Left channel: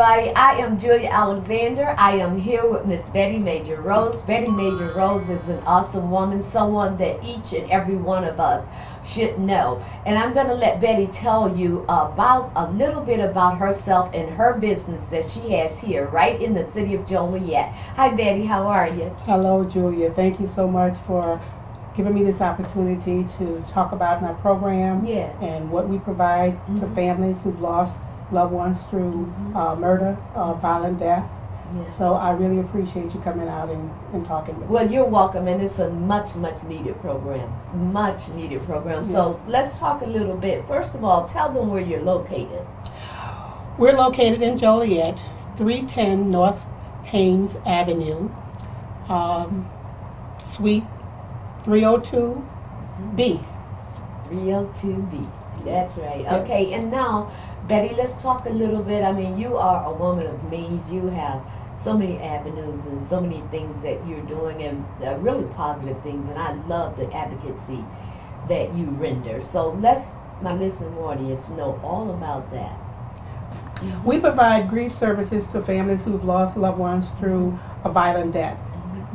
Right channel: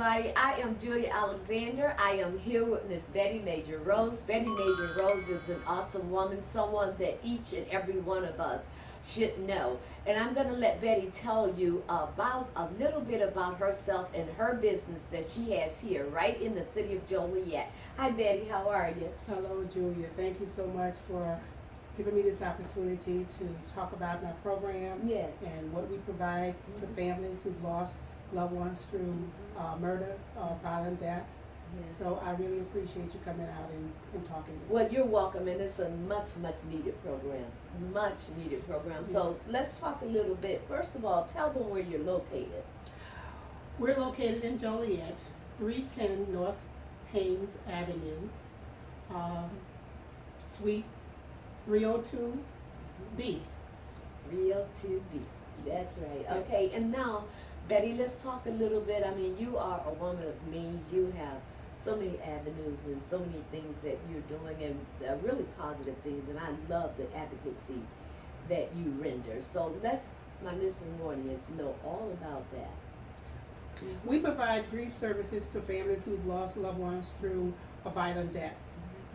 everybody. I am Julia Alexander. I am here with Miss Betty Major Rose. Betty Major Rose is an awesome woman, someone that each and every one of us should know. And I'm going to let Betty tell you about a little bit about herself and her business that she has here right in the city of Joliet. Hi Betty, how are you? Hello, Julia. Thank you so much for giving me this opportunity to talk about my program Yeah. and what we provide to families who've lost loved ones through murder, violent death. Yeah. So I really appreciate you coming out and talking with me. Well, you're welcome, and it's a much needed program. Much needed program. So let's talk a little bit. First of all, tell them where you're located. We're located in Joliet, 310 North Haines Avenue, Suite 302B. 302B. That's right. Okay, and now, Betty, let's talk a little bit. I mean, you are a woman of means. You have so many avenues and so many things that you're doing, and really positive things. And I love the advocacy that you render. So let's, my listening audience, know all about that. We provide grief services to families who've lost loved ones through a violent death,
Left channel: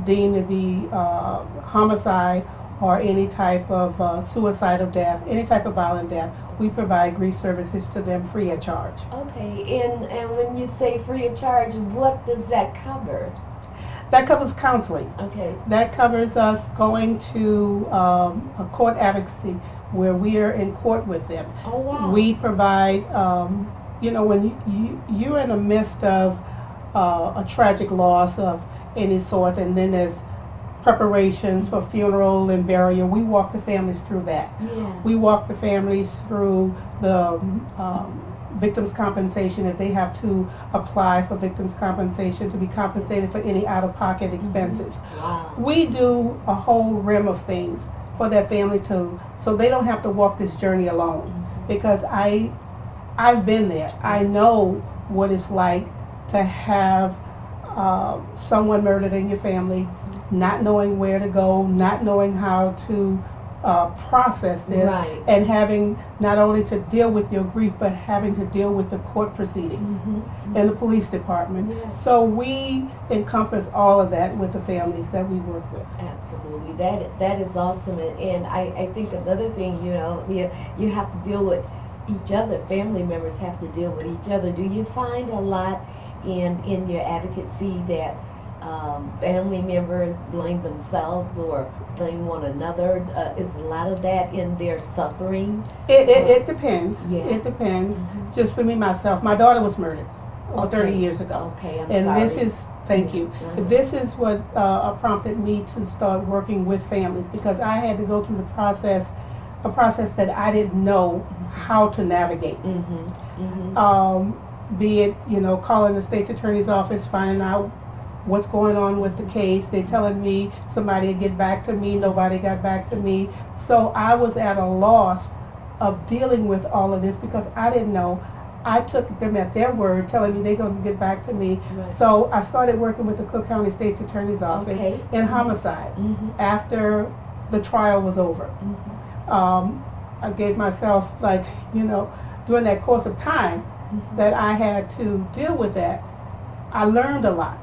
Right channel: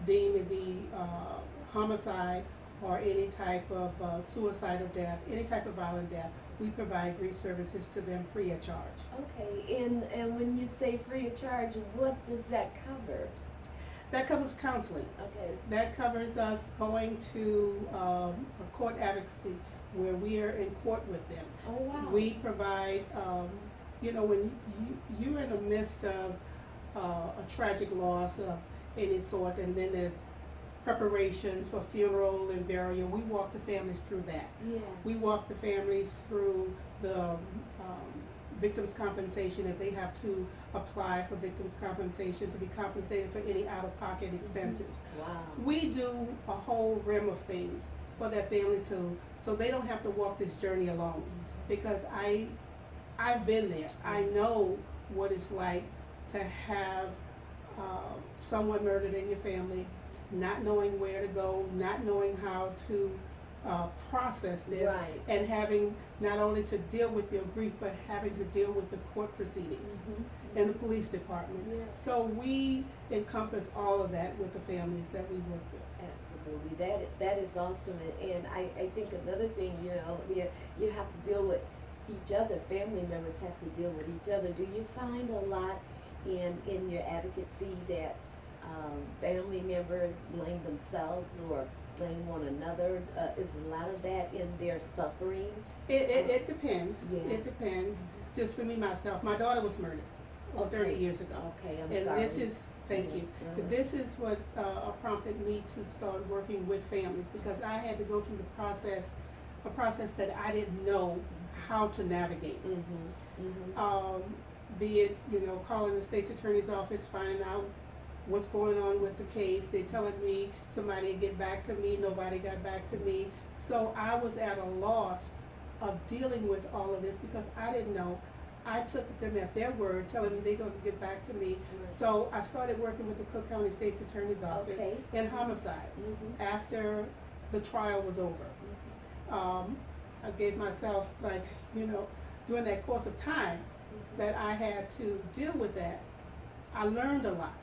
deemed to be homicide or any type of suicidal death, any type of violent death. We provide grief services to them free of charge. Okay, and when you say free of charge, what does that cover? That covers counseling. Okay. That covers us going to a court advocacy where we are in court with them. Oh, wow. We provide, when you're in the midst of a tragic loss of any sort, and then there's preparations for funeral and burial, we walk the families through that. Yeah. We walk the families through the victims' compensation if they have to apply for victims' compensation to be compensated for any out-of-pocket expenses. Wow. We do a whole rim of things for that family so they don't have to walk this journey alone. Because I've been there. I know what it's like to have someone murdered in your family, not knowing where to go, not knowing how to process this, Right. and having not only to deal with your grief, but having to deal with the court proceedings and the police department. Yes. So we encompass all of that with the families that we work with. Absolutely, that is awesome, and I think another thing, you have to deal with each other. Family members have to deal with each other. Do you find a lot in your advocacy that family members blame themselves or blame one another? Is a lot of that in their suffering? It depends. Yeah. It depends. Just for me, myself, my daughter was murdered over 30 Okay. years ago. Okay, I'm And sorry. this is, thank you. This is what prompted me to start working with families, because I had to go through a process that I didn't know how to navigate. Be it, calling the state's attorney's office, finding out what's going on with the case. They telling me somebody would get back to me, nobody got back to me. So I was at a loss of dealing with all of this because I didn't know. I took them at their word, telling me they're going to get back to me. Right. So I started working with the Cook County State's Attorney's Office Okay. in homicide after the trial was over. I gave myself, during that course of time that I had to deal with that, I learned a lot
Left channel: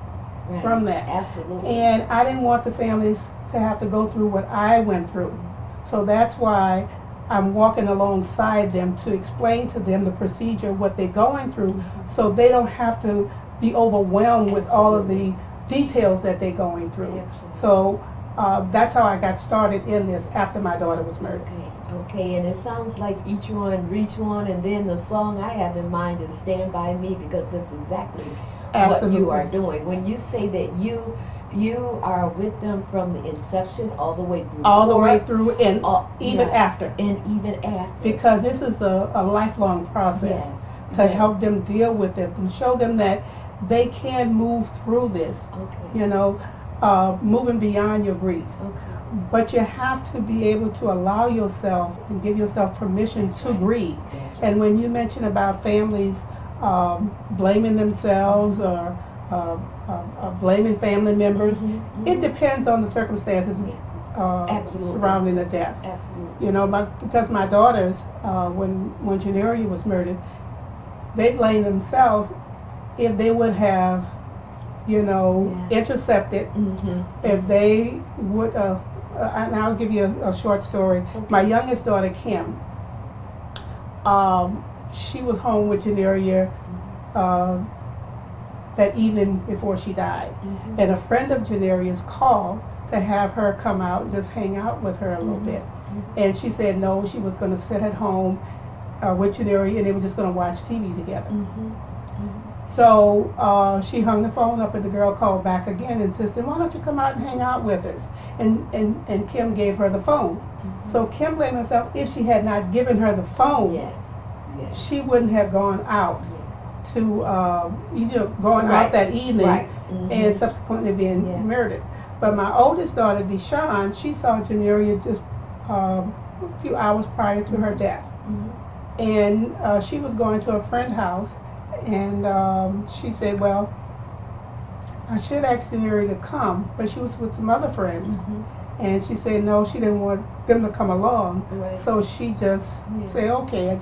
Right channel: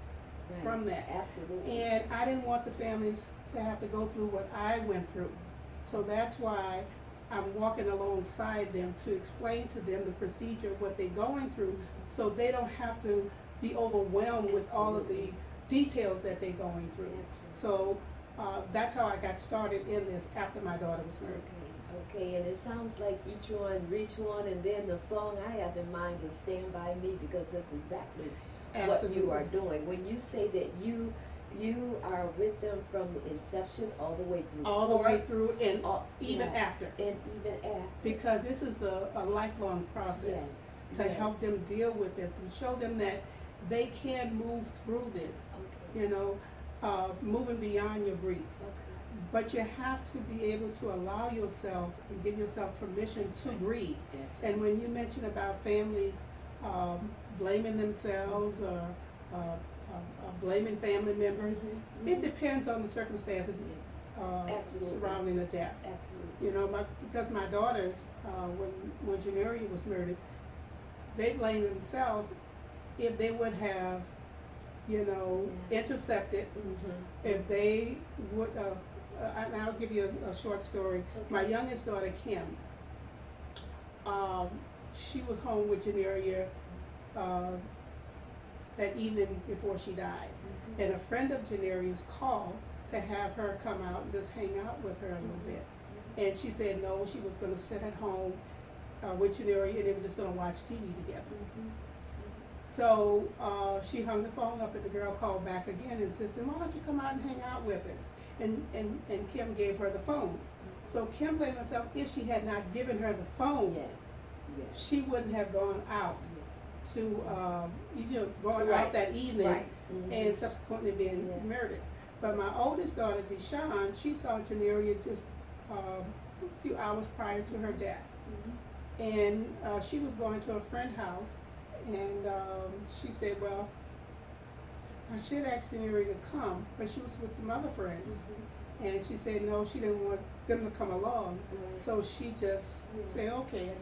Right. from that. Absolutely. And I didn't want the families to have to go through what I went through. So that's why I'm walking alongside them to explain to them the procedure, what they're going through, so they don't have to be overwhelmed with all of the details that they're going through. Absolutely. So that's how I got started in this after my daughter was murdered. Okay, and it sounds like each one reach one, and then the song I have in mind is Stand By Me, because that's exactly what you are doing. When you say that you are with them from the inception all the way through. All the way court, through and even yeah, after. And even after. Because this is a lifelong process to help them deal with it and show them that they can move through this, Okay. Moving beyond your grief. Okay. But you have to be able to allow yourself and give yourself permission to grieve. That's right. And when you mention about families blaming themselves or blaming family members, it depends on the circumstances Absolutely. surrounding the death. Absolutely. Because my daughters, when Janeria was murdered, they blamed themselves if they would have, intercepted, Mm-hmm. if they would, and I'll give you a short story. My youngest daughter, Kim, she was home with Janeria that evening before she died. Mm-hmm. And a friend of Janeria's called to have her come out and just hang out with her a little bit. And she said no, she was going to sit at home with Janeria and they were just going to watch TV together. Mm-hmm. So she hung the phone up and the girl called back again and insisted, why don't you come out and hang out with us? And Kim gave her the phone. Mm-hmm. So Kim blamed herself. If she had not given her the phone, Yes. Yes. she wouldn't have gone out to, going out Right. that evening Right. Mm-hmm. and subsequently being Yeah. murdered. But my oldest daughter, Deshawn, she saw Janeria just a few hours prior to her death. Mm-hmm. And she was going to a friend's house, and she said, well, I should ask Janeria to come, but she was with some other friends. Mm-hmm. And she said no, she didn't want them to come along. Right. So she just Yeah. said, okay,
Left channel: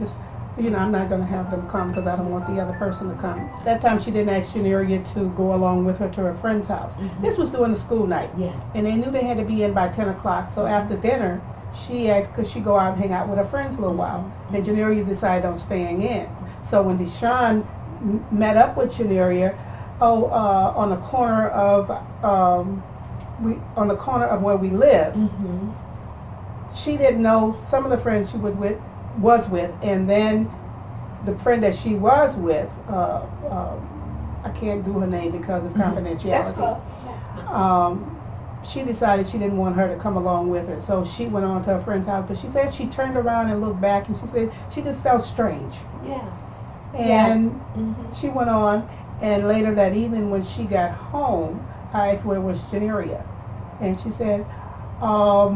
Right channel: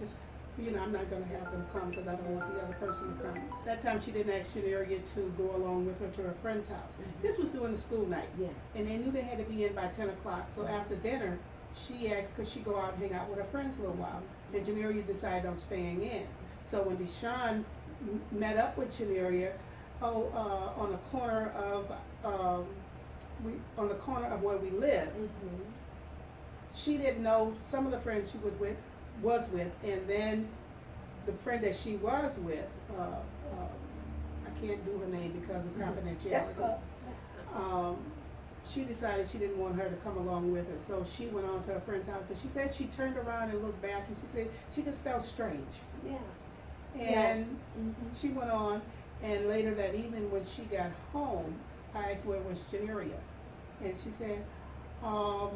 I'm not going to have them come because I don't want the other person to come. That time she didn't ask Janeria to go along with her to her friend's house. Mhm. This was during the school night. Yeah. And they knew they had to be in by 10 o'clock. So after dinner, she asked could she go out and hang out with her friends a little while. And Janeria decided on staying in. So when Deshawn met up with Janeria, on the corner of where we lived, Mm-hmm. she didn't know some of the friends she was with, and then the friend that she was with, I can't do her name because of confidentiality. That's cool. She decided she didn't want her to come along with her, so she went on to her friend's house. But she said she turned around and looked back, and she said she just felt strange. Yeah. And Mm-hmm. she went on, and later that evening when she got home, I asked where was Janeria, and she said, I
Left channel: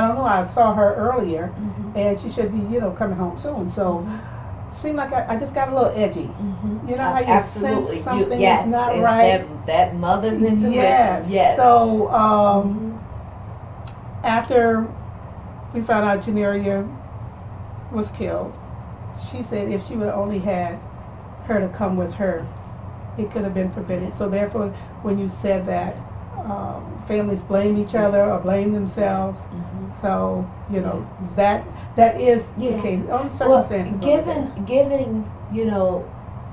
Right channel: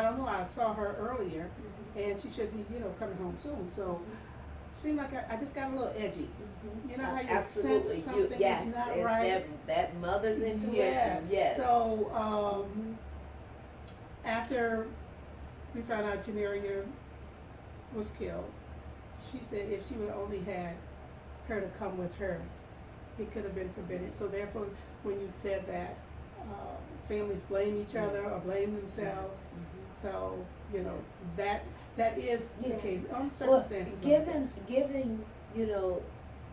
don't know, I saw her earlier, Mm-hmm. and she should be, coming home soon. So, seemed like I just got a little edgy. Mm-hmm. You know how you Absolutely. sense something yes, is not it's right? That mother's intuition. Yes. Yes. So, Mhm. after we found out Janeria was killed, she said if she would have only had her to come with her, it could have been prevented. So therefore, when you said that families blame each other or blame themselves, Mhm. so that is Yeah. the case. Only Well, circumstances. are the case. given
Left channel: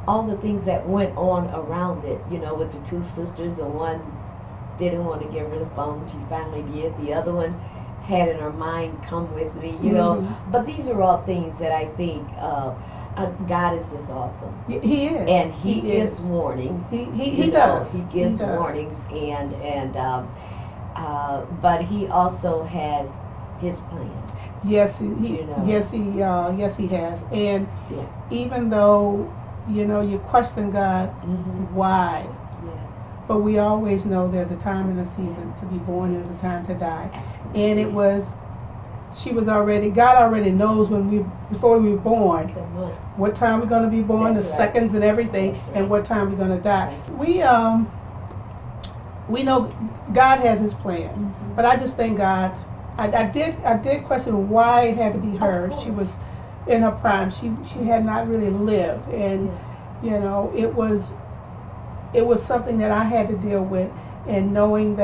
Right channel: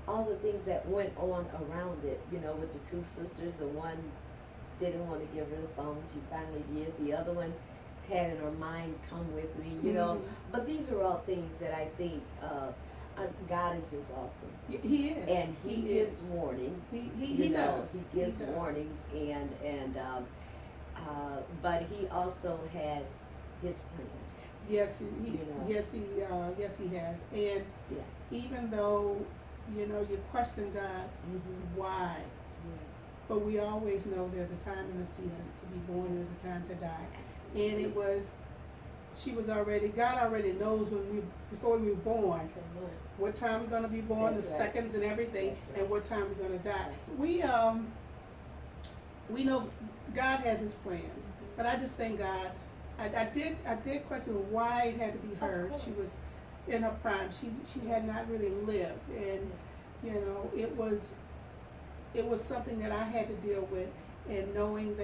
all the things that went on around it, with the two sisters, and one didn't want to give her the phone, she finally did. The other one had in her mind, "Come with me," Mhm. But these are all things that I think God is just awesome, He is. and He He gives is. warnings. He does. He gives He does. warnings, but He also has His plans. Yes, yes, he has. And Yeah. even though you question God, Mm-hmm. why? Yeah. But we always know there's a time and a season to be born. There's a time to die. Absolutely. And God already knows before we were born, Come on. what time we're going to be born, That's the right. seconds and everything, That's and right. what time we're going to die. That's We know God has His plans, Mhm. but I just thank God. I did question why it had to be her. Of She course. was in her prime. She had not really lived, and it was something that I had to deal with, and knowing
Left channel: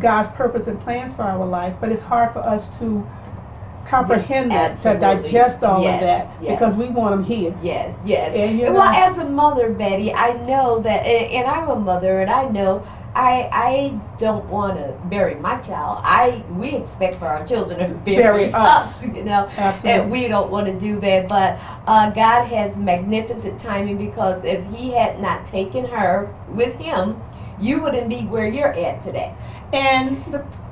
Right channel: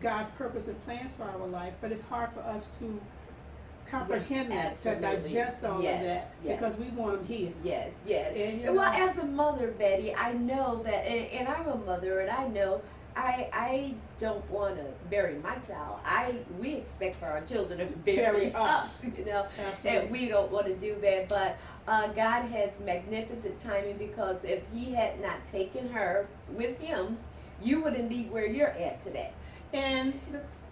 God's purpose and plans for our life, but it's hard for us to comprehend that, to Absolutely. digest all Yes, of that, yes. because we want them here. Yes, yes. And Well, as a mother, Betty, I know that, and I'm a mother, and I know I don't want to bury my child. We expect for our children to bury us, Absolutely. and we don't want to do that. But God has magnificent timing, because if He had not taken her with Him, you wouldn't be where you're at today. And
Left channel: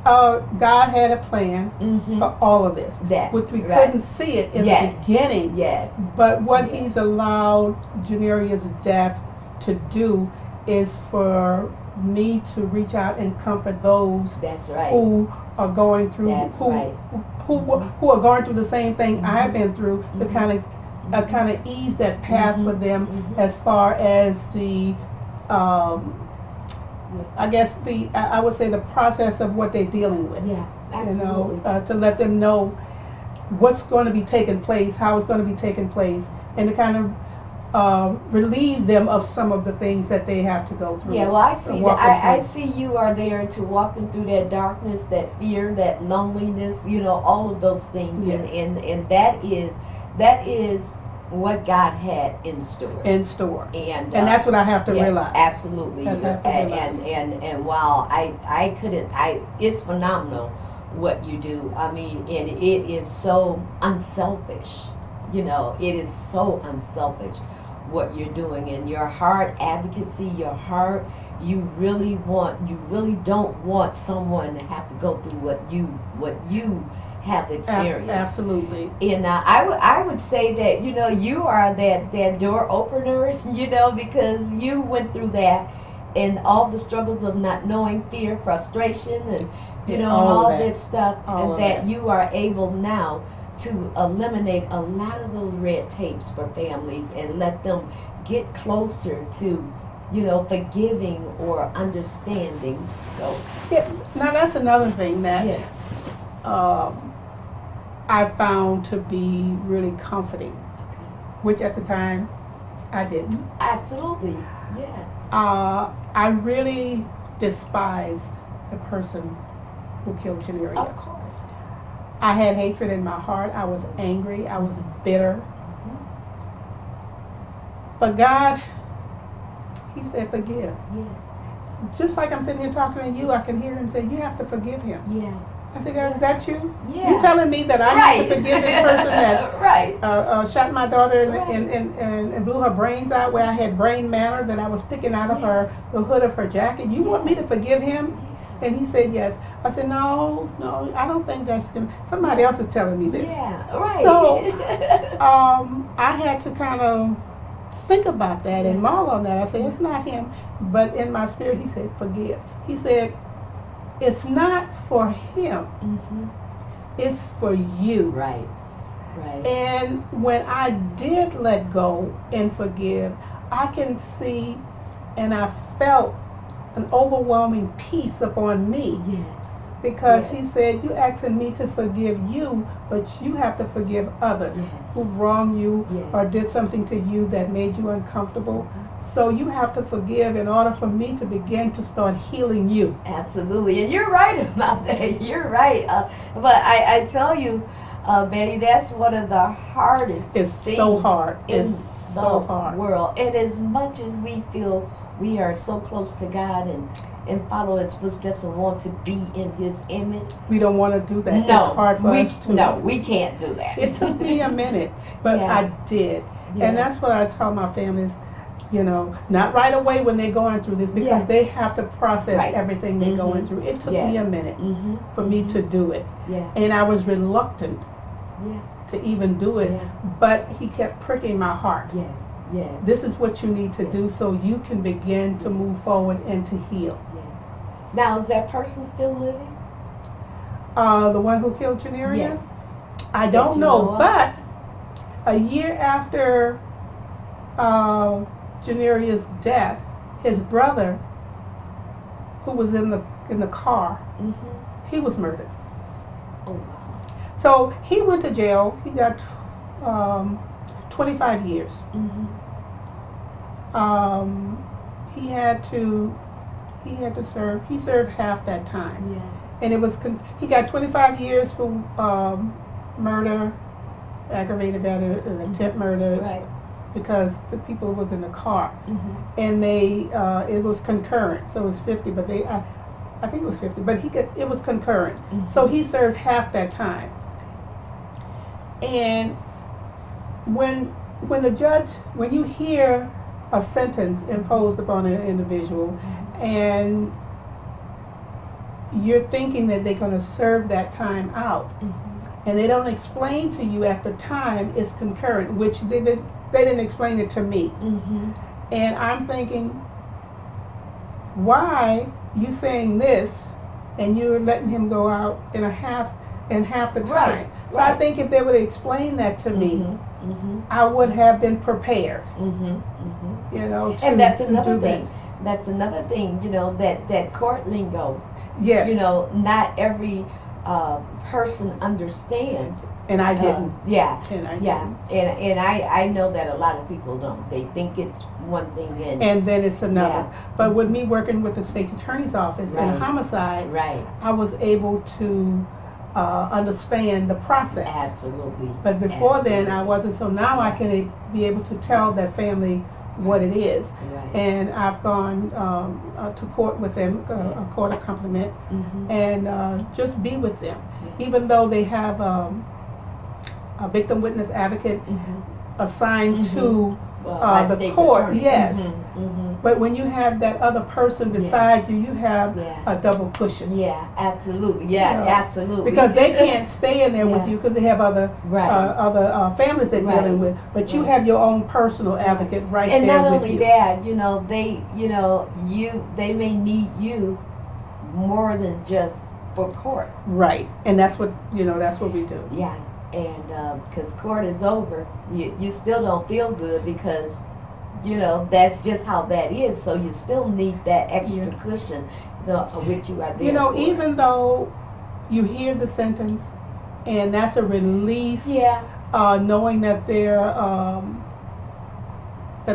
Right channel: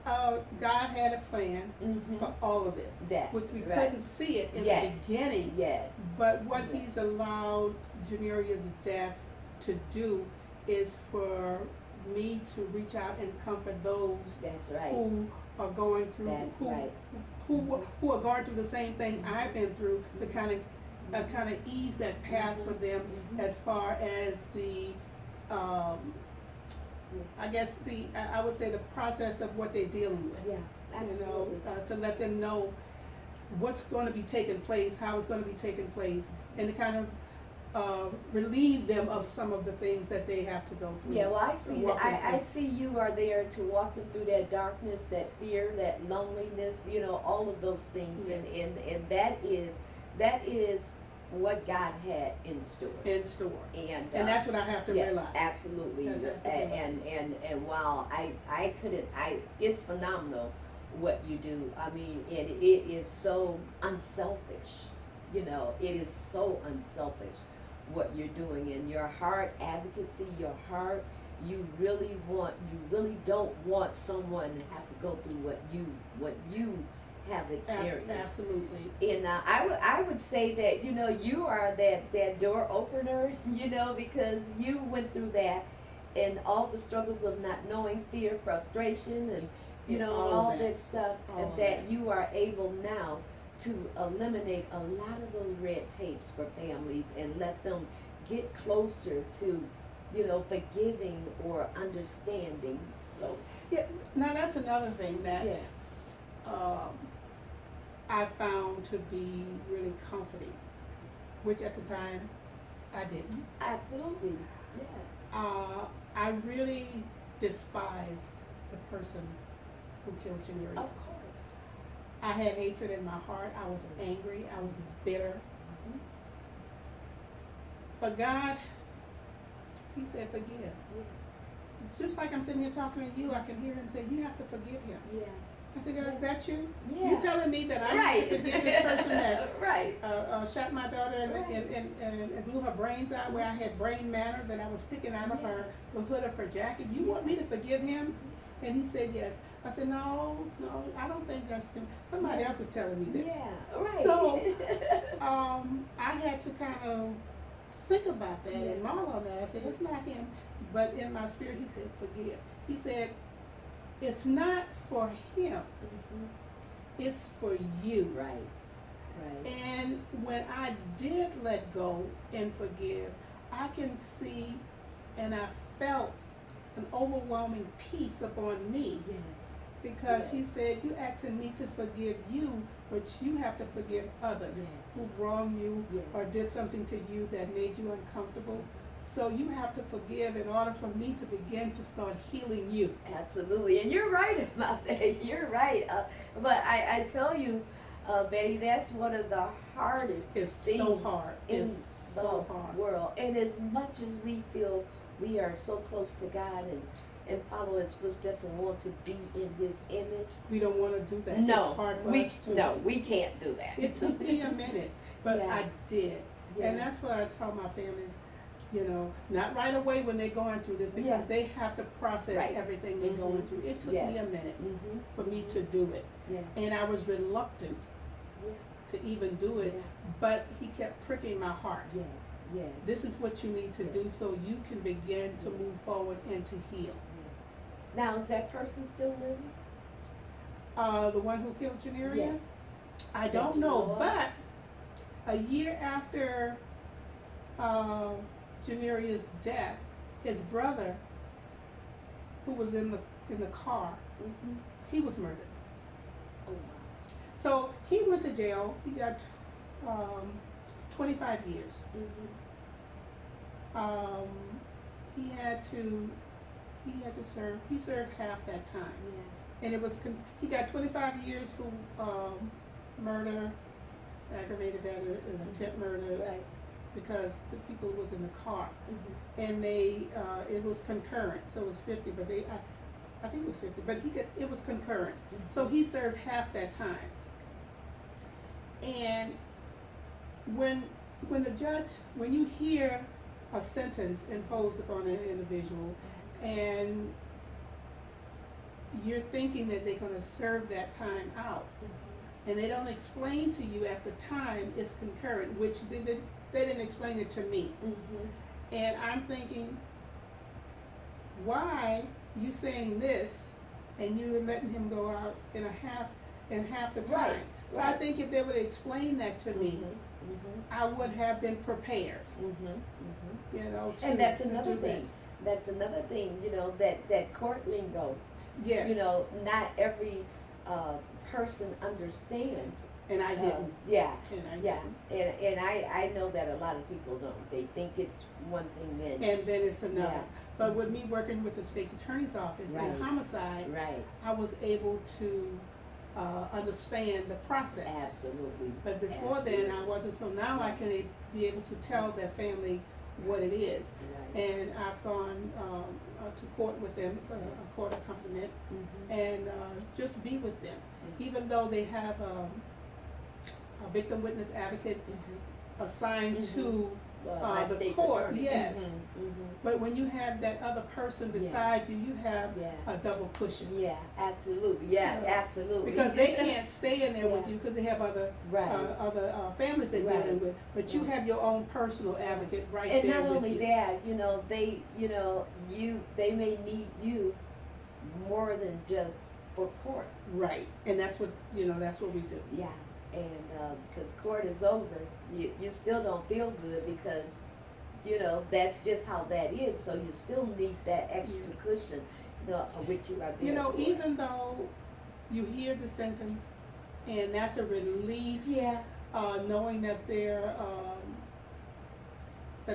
God had a plan Mm-hmm. for all of this. That We right. couldn't see it in Yes. the beginning, Yes. but what Yes. He's allowed Janeria's death to do is for me to reach out and comfort those That's right. who are going through That's who right. who are going through the same thing Mhm. I've been through, to Mhm. kind of ease that path Mhm. for them, Mhm. as far as the I guess I would say the process of what they're dealing with. Yeah, absolutely. To let them know what's going to be taking place, how it's going to be taking place, and to kind of relieve them of some of the things that they have to go through. Yeah, well, I see that. walk them I through. see you are there to walk them through that darkness, that fear, that loneliness. You know, all of those things, Yes. and that is what God had in store. In store. And And that's what I have to yeah, realize. absolutely. That's have to realize. And while I couldn't, it's phenomenal what you do. I mean, and it is so unselfish. You know, it is so unselfish what you're doing, and your heart advocacy, your heart. You really don't want someone to have to go through what you have experienced. Absolutely. And I would say that, you know, you are that door opener, you know, because you went through that and all the struggles of not knowing, fear, frustration, and you know, all and all of that. this stuff, All and of that that. you are able now to eliminate a lot of those red tapes for families and let them get closer to, you know, forgiving or understanding. So Yeah, now that's another thing that yeah, I found to be really comforting, which at the time I didn't. absolutely, yeah, I really despised the person who killed Janeria. of course. I had hatred in my heart. I was angry. I was bitter. But God, He said, forgive. Yeah, Just like I'm sitting here talking to you, I can hear Him say, you have to forgive him. yeah, I said, God, is that you? yeah. You telling me that I right. need to forgive this person that right. shot my daughter Right. and blew her brains out where I had brain matter that I was picking out of the hood of her jacket. You want me to forgive him? And he said, yes. I said, no, I don't think that's him. Somebody else is telling me this. Yeah, right. So, I had to kind of think about that and mull on that. I said, it's not him. But in my spirit, he said, forgive. He said, it's not for him. Mhm. It's for you. Right, right. And when I did let go and forgive, I can see and I felt an overwhelming peace upon me. Yes. Because Yes. he said, you asking me to forgive you, but you have to forgive others Yes. who wronged you Yes. or did something to you that made you uncomfortable. So you have to forgive in order for me to begin to start healing you. Absolutely, and you're right about that. You're right. But I tell you, Betty, that's one of the hardest It's things so hard. in It's the so hard. world. And as much as we feel we are so close to God and follow His footsteps and want to be in His image, We don't want to do that. no, It's hard for us to. no, we can't do that. It took me a minute, but Yeah. I did. Yeah. And that's what I tell my families, you know, not right away when they're going through this, because Yeah. they have to process Right. everything they're going Mhm. through. It took Yeah. me a minute Mm-hmm. for me to do it. Yeah, And I was reluctant yeah, to even do it, yeah. but he kept pricking my heart. Yes, yes, This is what you need to do so you can begin to move forward and to heal. yes. Now, is that person still living? The one who killed Janeria? Yes. I That don't you know, know of? but a year after Janeria's death, his brother, who was in the car, Mm-hmm. he was murdered. Oh, wow. So he went to jail. He got 25 years. Mm-hmm. He had to serve. He served half that time, Yeah. and it was he got 25 years for murder, aggravated murder, and attempt murder, Right. because the people was in the car, Mm-hmm. and they it was concurrent, so it was 50, but I think it was 50, but it was concurrent, so he served half that time. And when you hear a sentence imposed upon an individual, and you're thinking that they're going to serve that time out, Mm-hmm. and they don't explain to you at the time it's concurrent, which they didn't explain it to me. Mm-hmm. And I'm thinking, why you saying this and you're letting him go out in half the time? Right, So I right. think if they would explain that to me, Mm-hmm. I would have been prepared, Mm-hmm. Mm-hmm. you know, to, And that's to another do that. thing. That's another thing, you know, that court lingo. Yes. You know, not every person understands. And I didn't. Yeah. And I Yeah, didn't. and I know that a lot of people don't. They think it's one thing And then it's another. Yeah. But with me working with the state's attorney's office in Right. homicide, right, I was able to understand the process. absolutely. But before then, Absolutely. I wasn't. So now I can be able to tell that family what it is. Right. And I've gone to court with them, a court accompaniment, Mhm. and just be with them. Even though they have a victim witness advocate Mhm. assigned Mhm. to, My the state's court, attorney. yes. Mhm. Mhm. but when you have that other person Yeah. beside you, you have Yeah. a double cushion. Yeah, absolutely. Yeah, Yeah. absolutely. Because they can't stay in there with Yeah. you because they have other Right. families they're Right. dealing with. But you Right. have your own personal advocate right and there not with only you. that, they may need you more than just for court. Right, and that's what we do. Yeah, and because court is over, you still don't feel good because that's just how that is. So you still need that extra Yeah. cushion, which you are there. You know, for. even though you hear the sentence, and that's a relief, Yeah. knowing that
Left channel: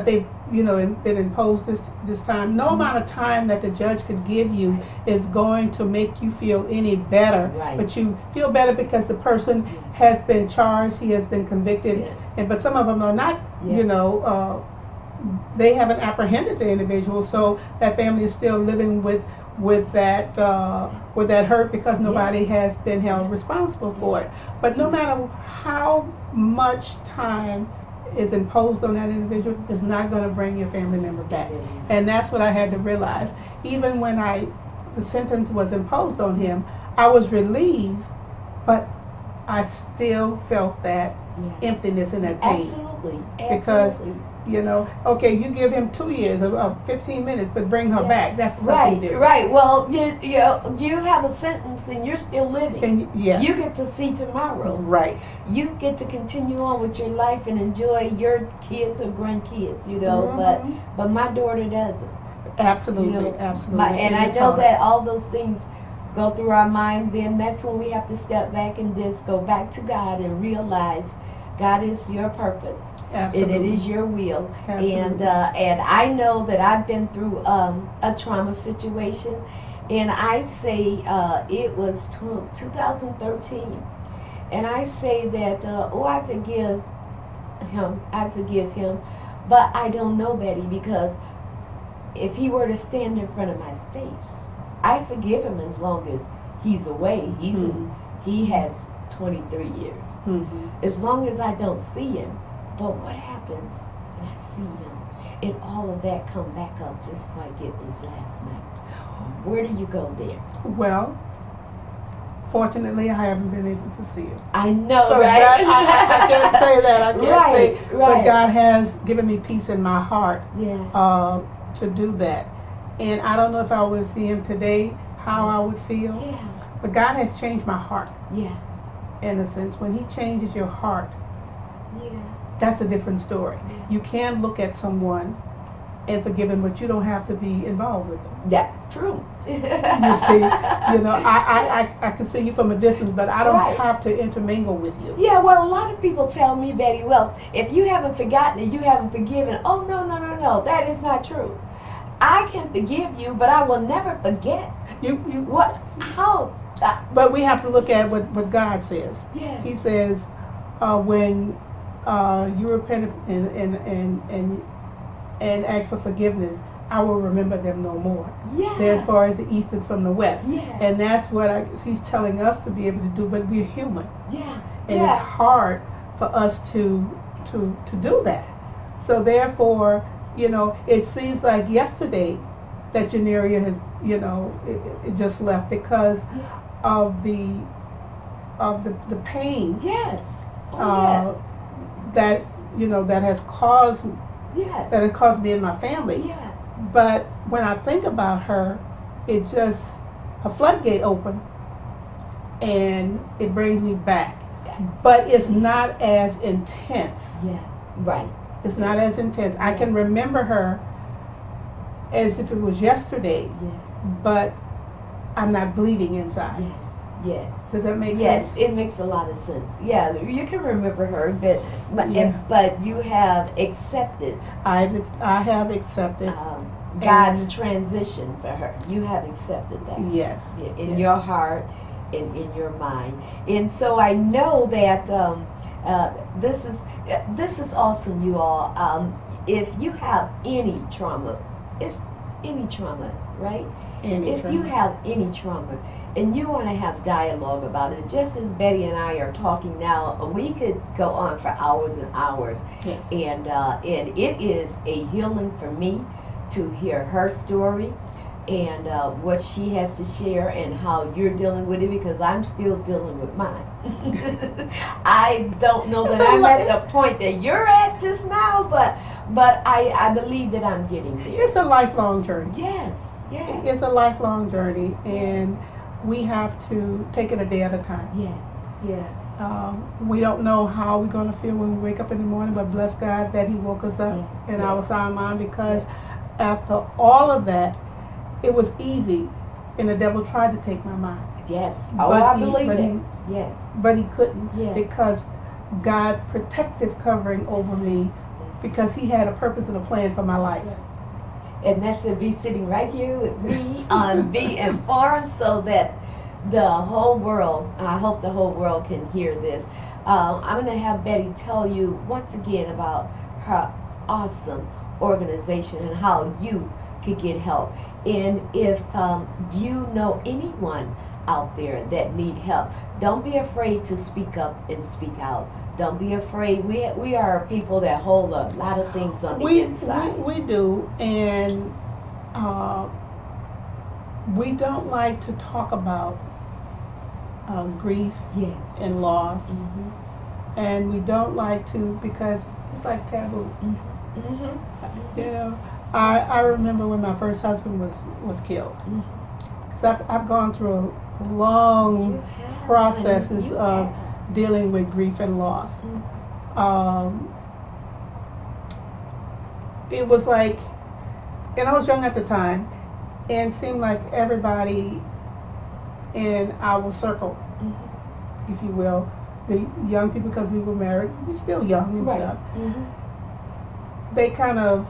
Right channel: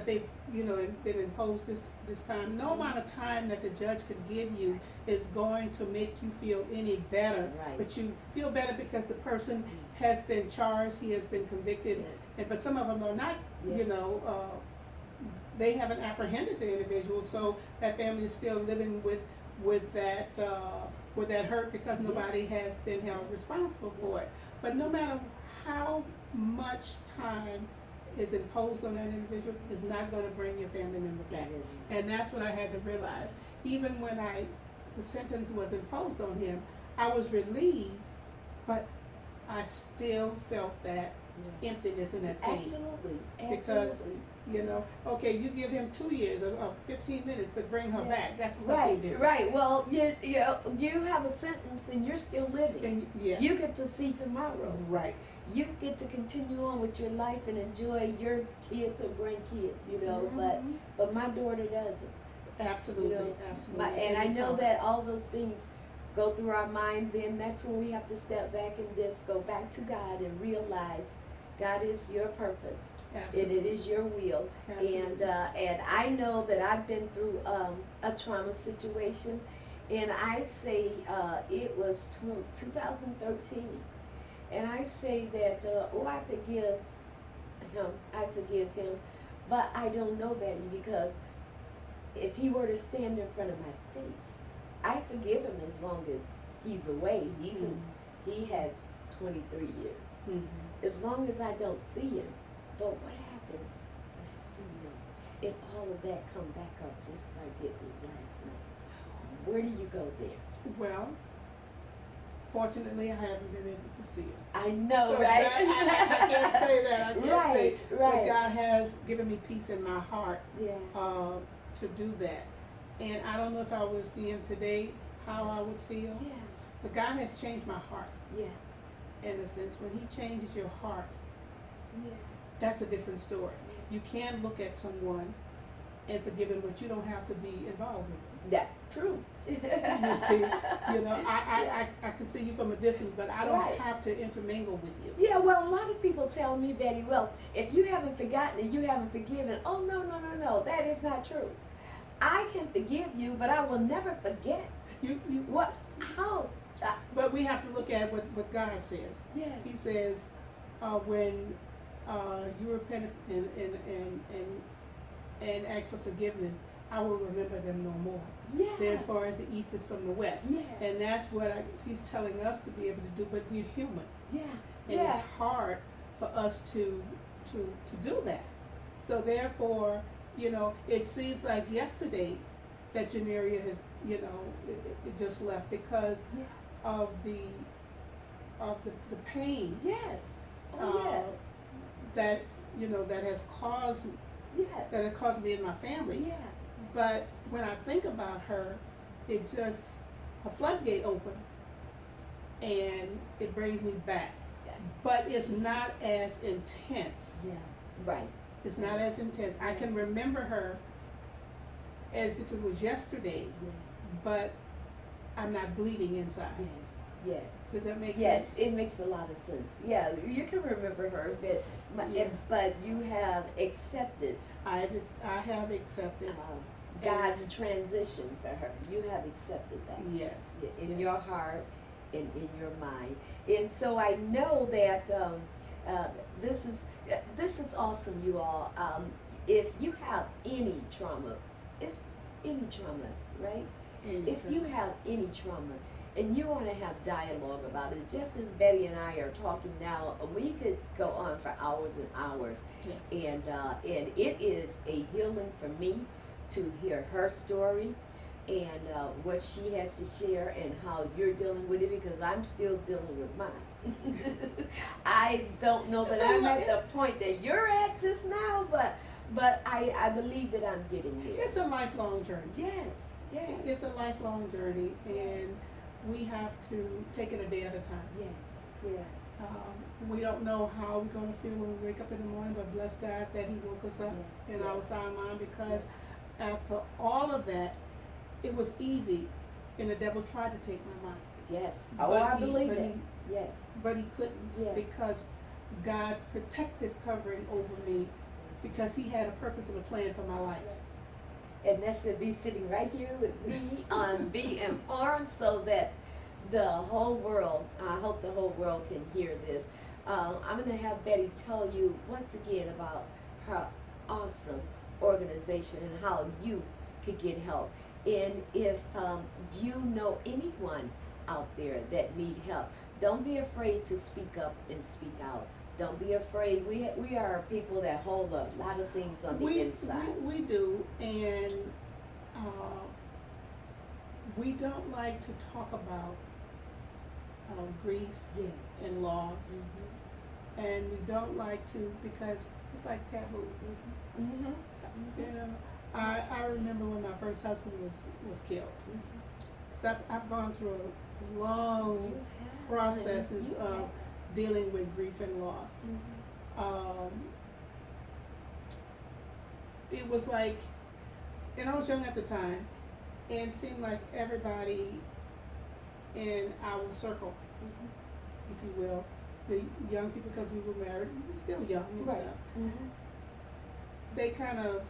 they've been imposed this time. No amount of time that the judge could give you is going to make you feel any better. Right. But you feel better because the person has been charged, he has been convicted, Yeah. but some of them are not. Yeah. They haven't apprehended the individual, so that family is still living with that hurt because nobody has been held responsible for it. But no matter how much time is imposed on that individual, is not going to bring your family member back. And that's what I had to realize. Even when the sentence was imposed on him, I was relieved, but I still felt that Yeah. emptiness and that pain. Absolutely. Because, Absolutely. Okay, you give him 2 years of 15 minutes, but bring her Yeah. back. That's something Right, different. right. Well, you have a sentence and you're still living. And yes, You get to see tomorrow. right. You get to continue on with your life and enjoy your kids or grandkids, Mhm. but my daughter doesn't. Absolutely, absolutely. And I it's know hard. that all those things go through our mind, then that's when we have to step back and just go back to God and realize God is your purpose. Absolutely. And it is your will. Absolutely. And I know that I've been through a trauma situation, and I say it was 2013, and I say that I forgive him, but I don't know, Betty, because if he were to stand in front of my face, I forgive him as long as he's away. He has 23 years. Mhm. As long as I don't see him. But what happens when I see him and all of that come back up just like it was last night? Where do you go there? Well, fortunately, I haven't been able to see it. I know, So right? I can't say that. I can't say, but right. God has given me peace in my heart Yeah. to do that. And I don't know if I would see him today, how I would feel. Yeah. But God has changed my heart Yeah. in a sense. When He changes your heart, Yeah. that's a different story. You can look at someone and forgive them, but you don't have to be involved with them. Yeah. True. You see, I can see you from a distance, but I don't Right. have to intermingle with you. Yeah, well, a lot of people tell me, Betty, well, if you haven't forgotten it, you haven't forgiven. Oh, no, that is not true. I can forgive you, but I will never forget. You What? How? But we have to look at what God says. Yeah. He says, when you repent and ask for forgiveness, I will remember them no more. Yeah. They're as far as the east is from the west. Yeah. And that's what He's telling us to be able to do, but we're human. Yeah. And Yeah. it's hard for us to do that. So therefore, it seems like yesterday that Janeria has, it just left because of the pain Yes. Oh, that that has caused yes. that it caused me and my family. Yeah. But when I think about her, it just a floodgate open, and it brings me back. But it's not as intense. Yeah. Right. It's not as intense. I can remember her as if it was yesterday, Yes. but I'm not bleeding inside. Yes. Yes. Does that make Yes, sense? it makes a lot of sense. Yeah, you can remember her, Yeah. but you have accepted I have accepted. God's And- transition for her. You have accepted that. Yes. In Yes. your heart, in your mind, and so I know that this is awesome, you all. If you have any trauma, it's any trauma, right? If you have any trauma and you want to have dialogue about it, just as Betty and I are talking now, we could go on for hours and hours. Yes. And it is a healing for me to hear her story and what she has to share and how you're dealing with it, because I'm still dealing with mine. I don't know that I'm at the point that you're at just now, but I believe that I'm getting there. It's a lifelong journey. Yes, yes. It's a lifelong journey, and we have to take it a day at a time. Yes, yes. We don't know how we're going to feel when we wake up in the morning, but bless God that He woke us up Yeah, in yeah. our sound mind, because after all of that, it was easy, and the devil tried to take my mind. Yes. Oh, But I he- believe but it. he- Yes. But he couldn't, Yeah. because God protective covering over That's me, That's because He had a purpose and a plan for my life. And that's to be sitting right here with me on Be Informed, so that the whole world, I hope the whole world can hear this. I'm going to have Betty tell you once again about her awesome organization and how you could get help. And if you know anyone out there that need help, don't be afraid to speak up and speak out. Don't be afraid. We are people that hold a lot of things on the inside. We do, and we don't like to talk about grief Yes. and loss, Mm-hmm. and we don't like to, because it's like taboo. Mm-hmm. Mm-hmm. Yeah, I remember when my first husband was killed, Mm. because I've gone through a long You have, processes you of have. dealing with grief and loss. It was like, and I was young at the time, and it seemed like everybody in our circle, Mhm. if you will, the young people, because we were married, we're still young and Right. stuff, Mhm. they kind of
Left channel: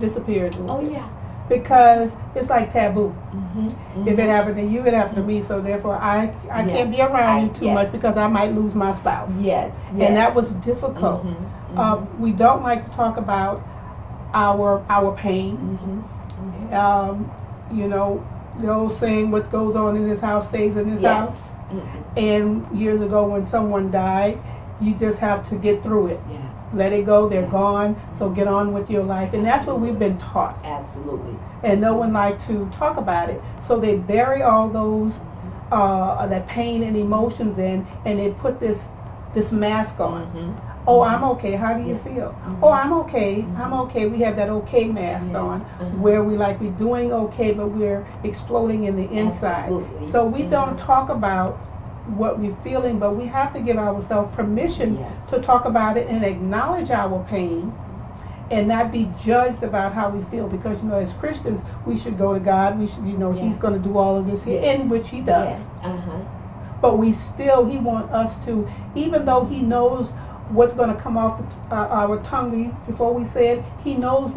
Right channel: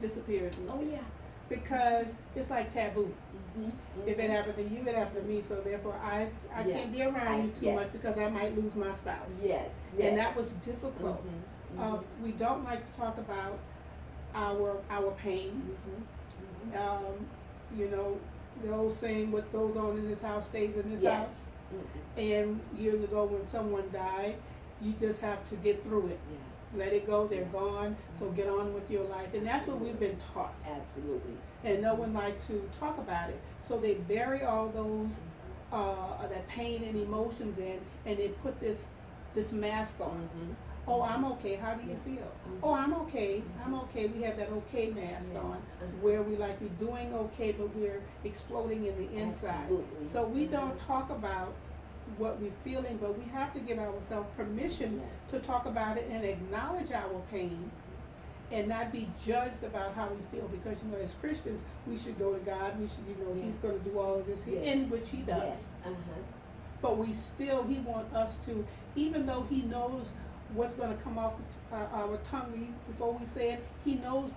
disappeared a little Oh bit. yeah. Because it's like taboo. Mm-hmm. If it happened to you, it happened to me, so therefore I Yeah. can't be around you too Yes. much, because I might lose my spouse. Yes. Yes. And that was difficult. Mhm. We don't like to talk about our pain. Mhm. You know, the old saying, what goes on in this house stays in this house. Yes. Mhm. And years ago when someone died, you just have to get through it. Yeah. Let it go, they're Yeah. gone, so get on with your life. And that's what we've been taught. Absolutely. And no one likes to talk about it. So they bury all those, that pain and emotions in, and they put this mask on. Mhm. Oh, I'm okay. How do you Yeah. feel? Mhm. Oh, I'm okay. Mhm. I'm okay. We have that okay mask Yeah. on, Mhm. where we're doing okay, but we're exploding in the inside. Absolutely. So we Mhm. don't talk about what we're feeling, but we have to give ourselves permission Yes. to talk about it and acknowledge our pain, and not be judged about how we feel. Because as Christians, we should go to God. We should, Yeah. He's going to do all of this here, Yeah. in which He does. Yes. Uh-huh. But He wants us to, even though He knows what's going to come off our tongue before we say it, He knows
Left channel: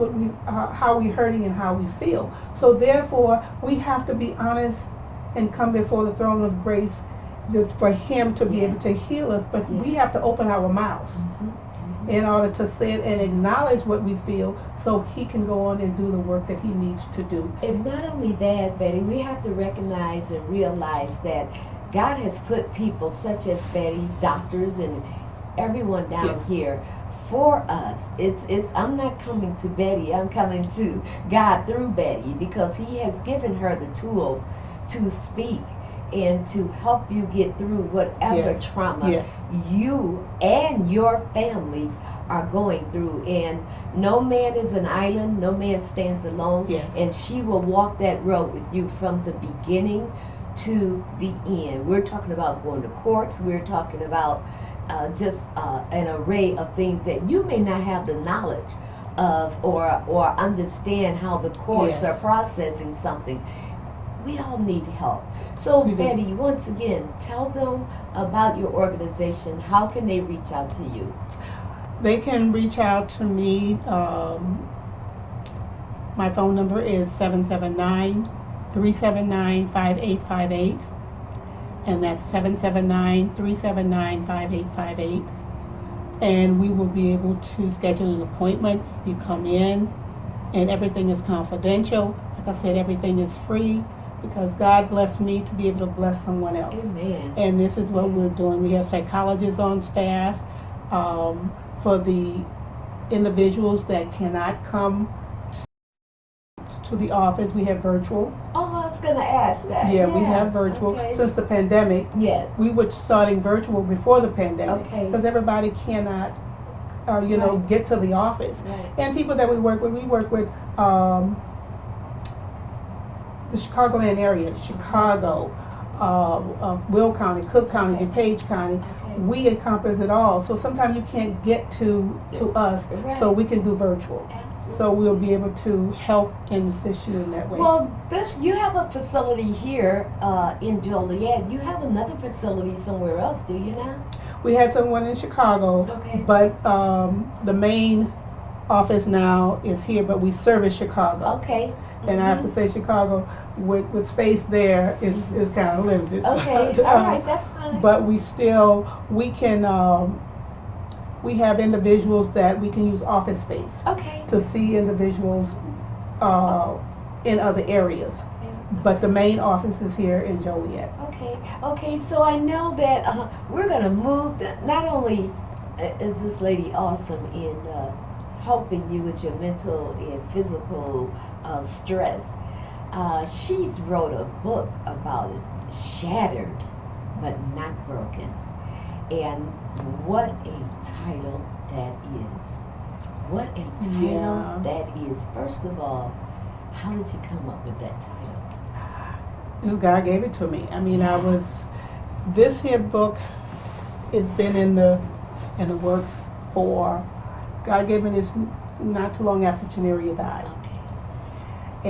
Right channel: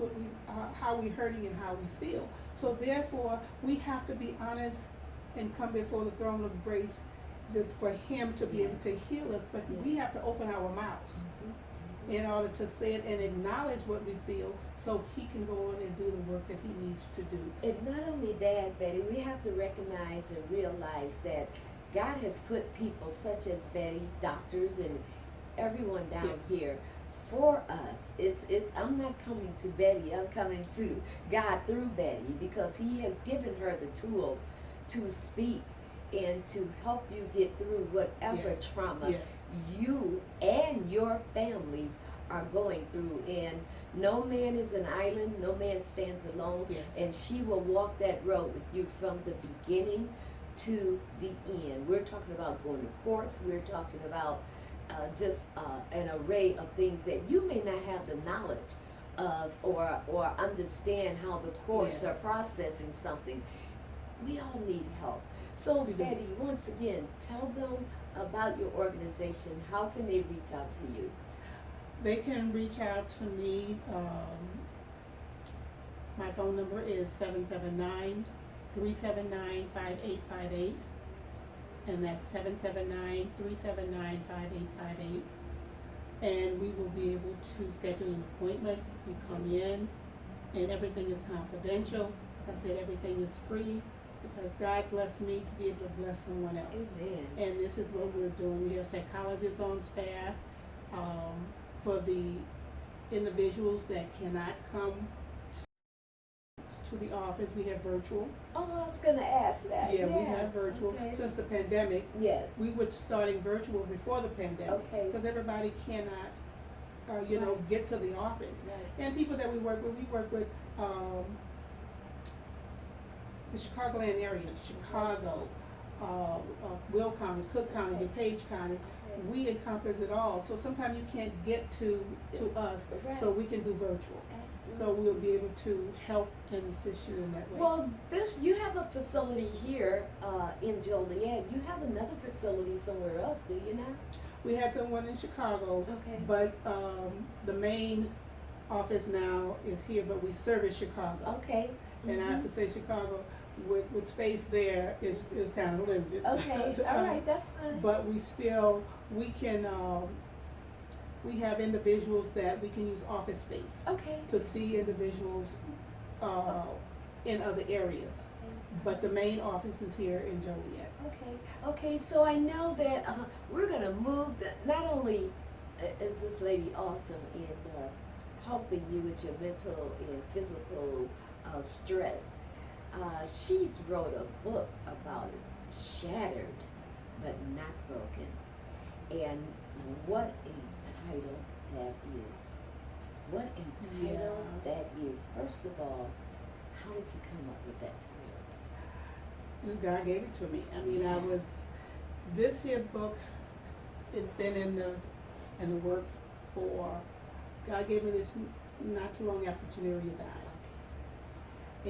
how we're hurting and how we feel. So therefore, we have to be honest and come before the throne of grace for Him to be able to heal us. But Yeah. we have to open our mouths Mhm. in order to say it and acknowledge what we feel, so He can go on and do the work that He needs to do. And not only that, Betty, we have to recognize and realize that God has put people such as Betty, doctors, and everyone down Yes. here for us. I'm not coming to Betty, I'm coming to God through Betty, because He has given her the tools to speak and to help you get through whatever Yes. trauma Yes. you and your families are going through. And no man is an island, no man stands alone. Yes. And she will walk that road with you from the beginning to the end. We're talking about going to courts, we're talking about just an array of things that you may not have the knowledge of, or understand how the courts Yes. are processing something. we all need help. So We do. Betty, once again, tell them about your organization. How can they reach out to you? They can reach out to me. My phone number is 779-379-5858. And that's 779-379-5858. And we will be able to schedule an appointment. You come in, and everything is confidential. Like I said, everything is free because God blessed me to be able to bless someone else. Amen. And this is what we're doing. We have psychologists on staff. For the individuals that cannot come to the office, we have virtual. Oh, I was gonna ask that. Yeah, we have virtual. Okay. Since the pandemic, Yes. we were starting virtual before the pandemic. Okay. Because everybody cannot, Right. get to the office. Right. And people that we work with the Chicagoland area, Chicago, Will County, Cook County, Okay. DuPage County. Okay. We encompass it all. So sometimes you can't get to us, so Right. we can do virtual. Absolutely. So we'll be able to help and assist you in that way. Well, you have a facility here in Joliet. You have another facility somewhere else, do you now? We had someone in Chicago, Okay. but the main office now is here, but we service Chicago. Okay. And I have to say Chicago, with space there is kind of limited. Okay. All right. That's fine. But we can, we have individuals that we can use office space Okay. to see individuals in other areas. But the main office is here in Joliet. Okay. Okay. So I know that we're gonna move. Not only is this lady awesome in helping you with your mental and physical stress, she's wrote a book about it, Shattered but Not Broken. And what a title that is. What a title Yeah. that is. First of all, how did you come up with that title? Just God gave it to me. I mean, this here book has been in the works for, God gave me this not too long after Janeria died. Okay.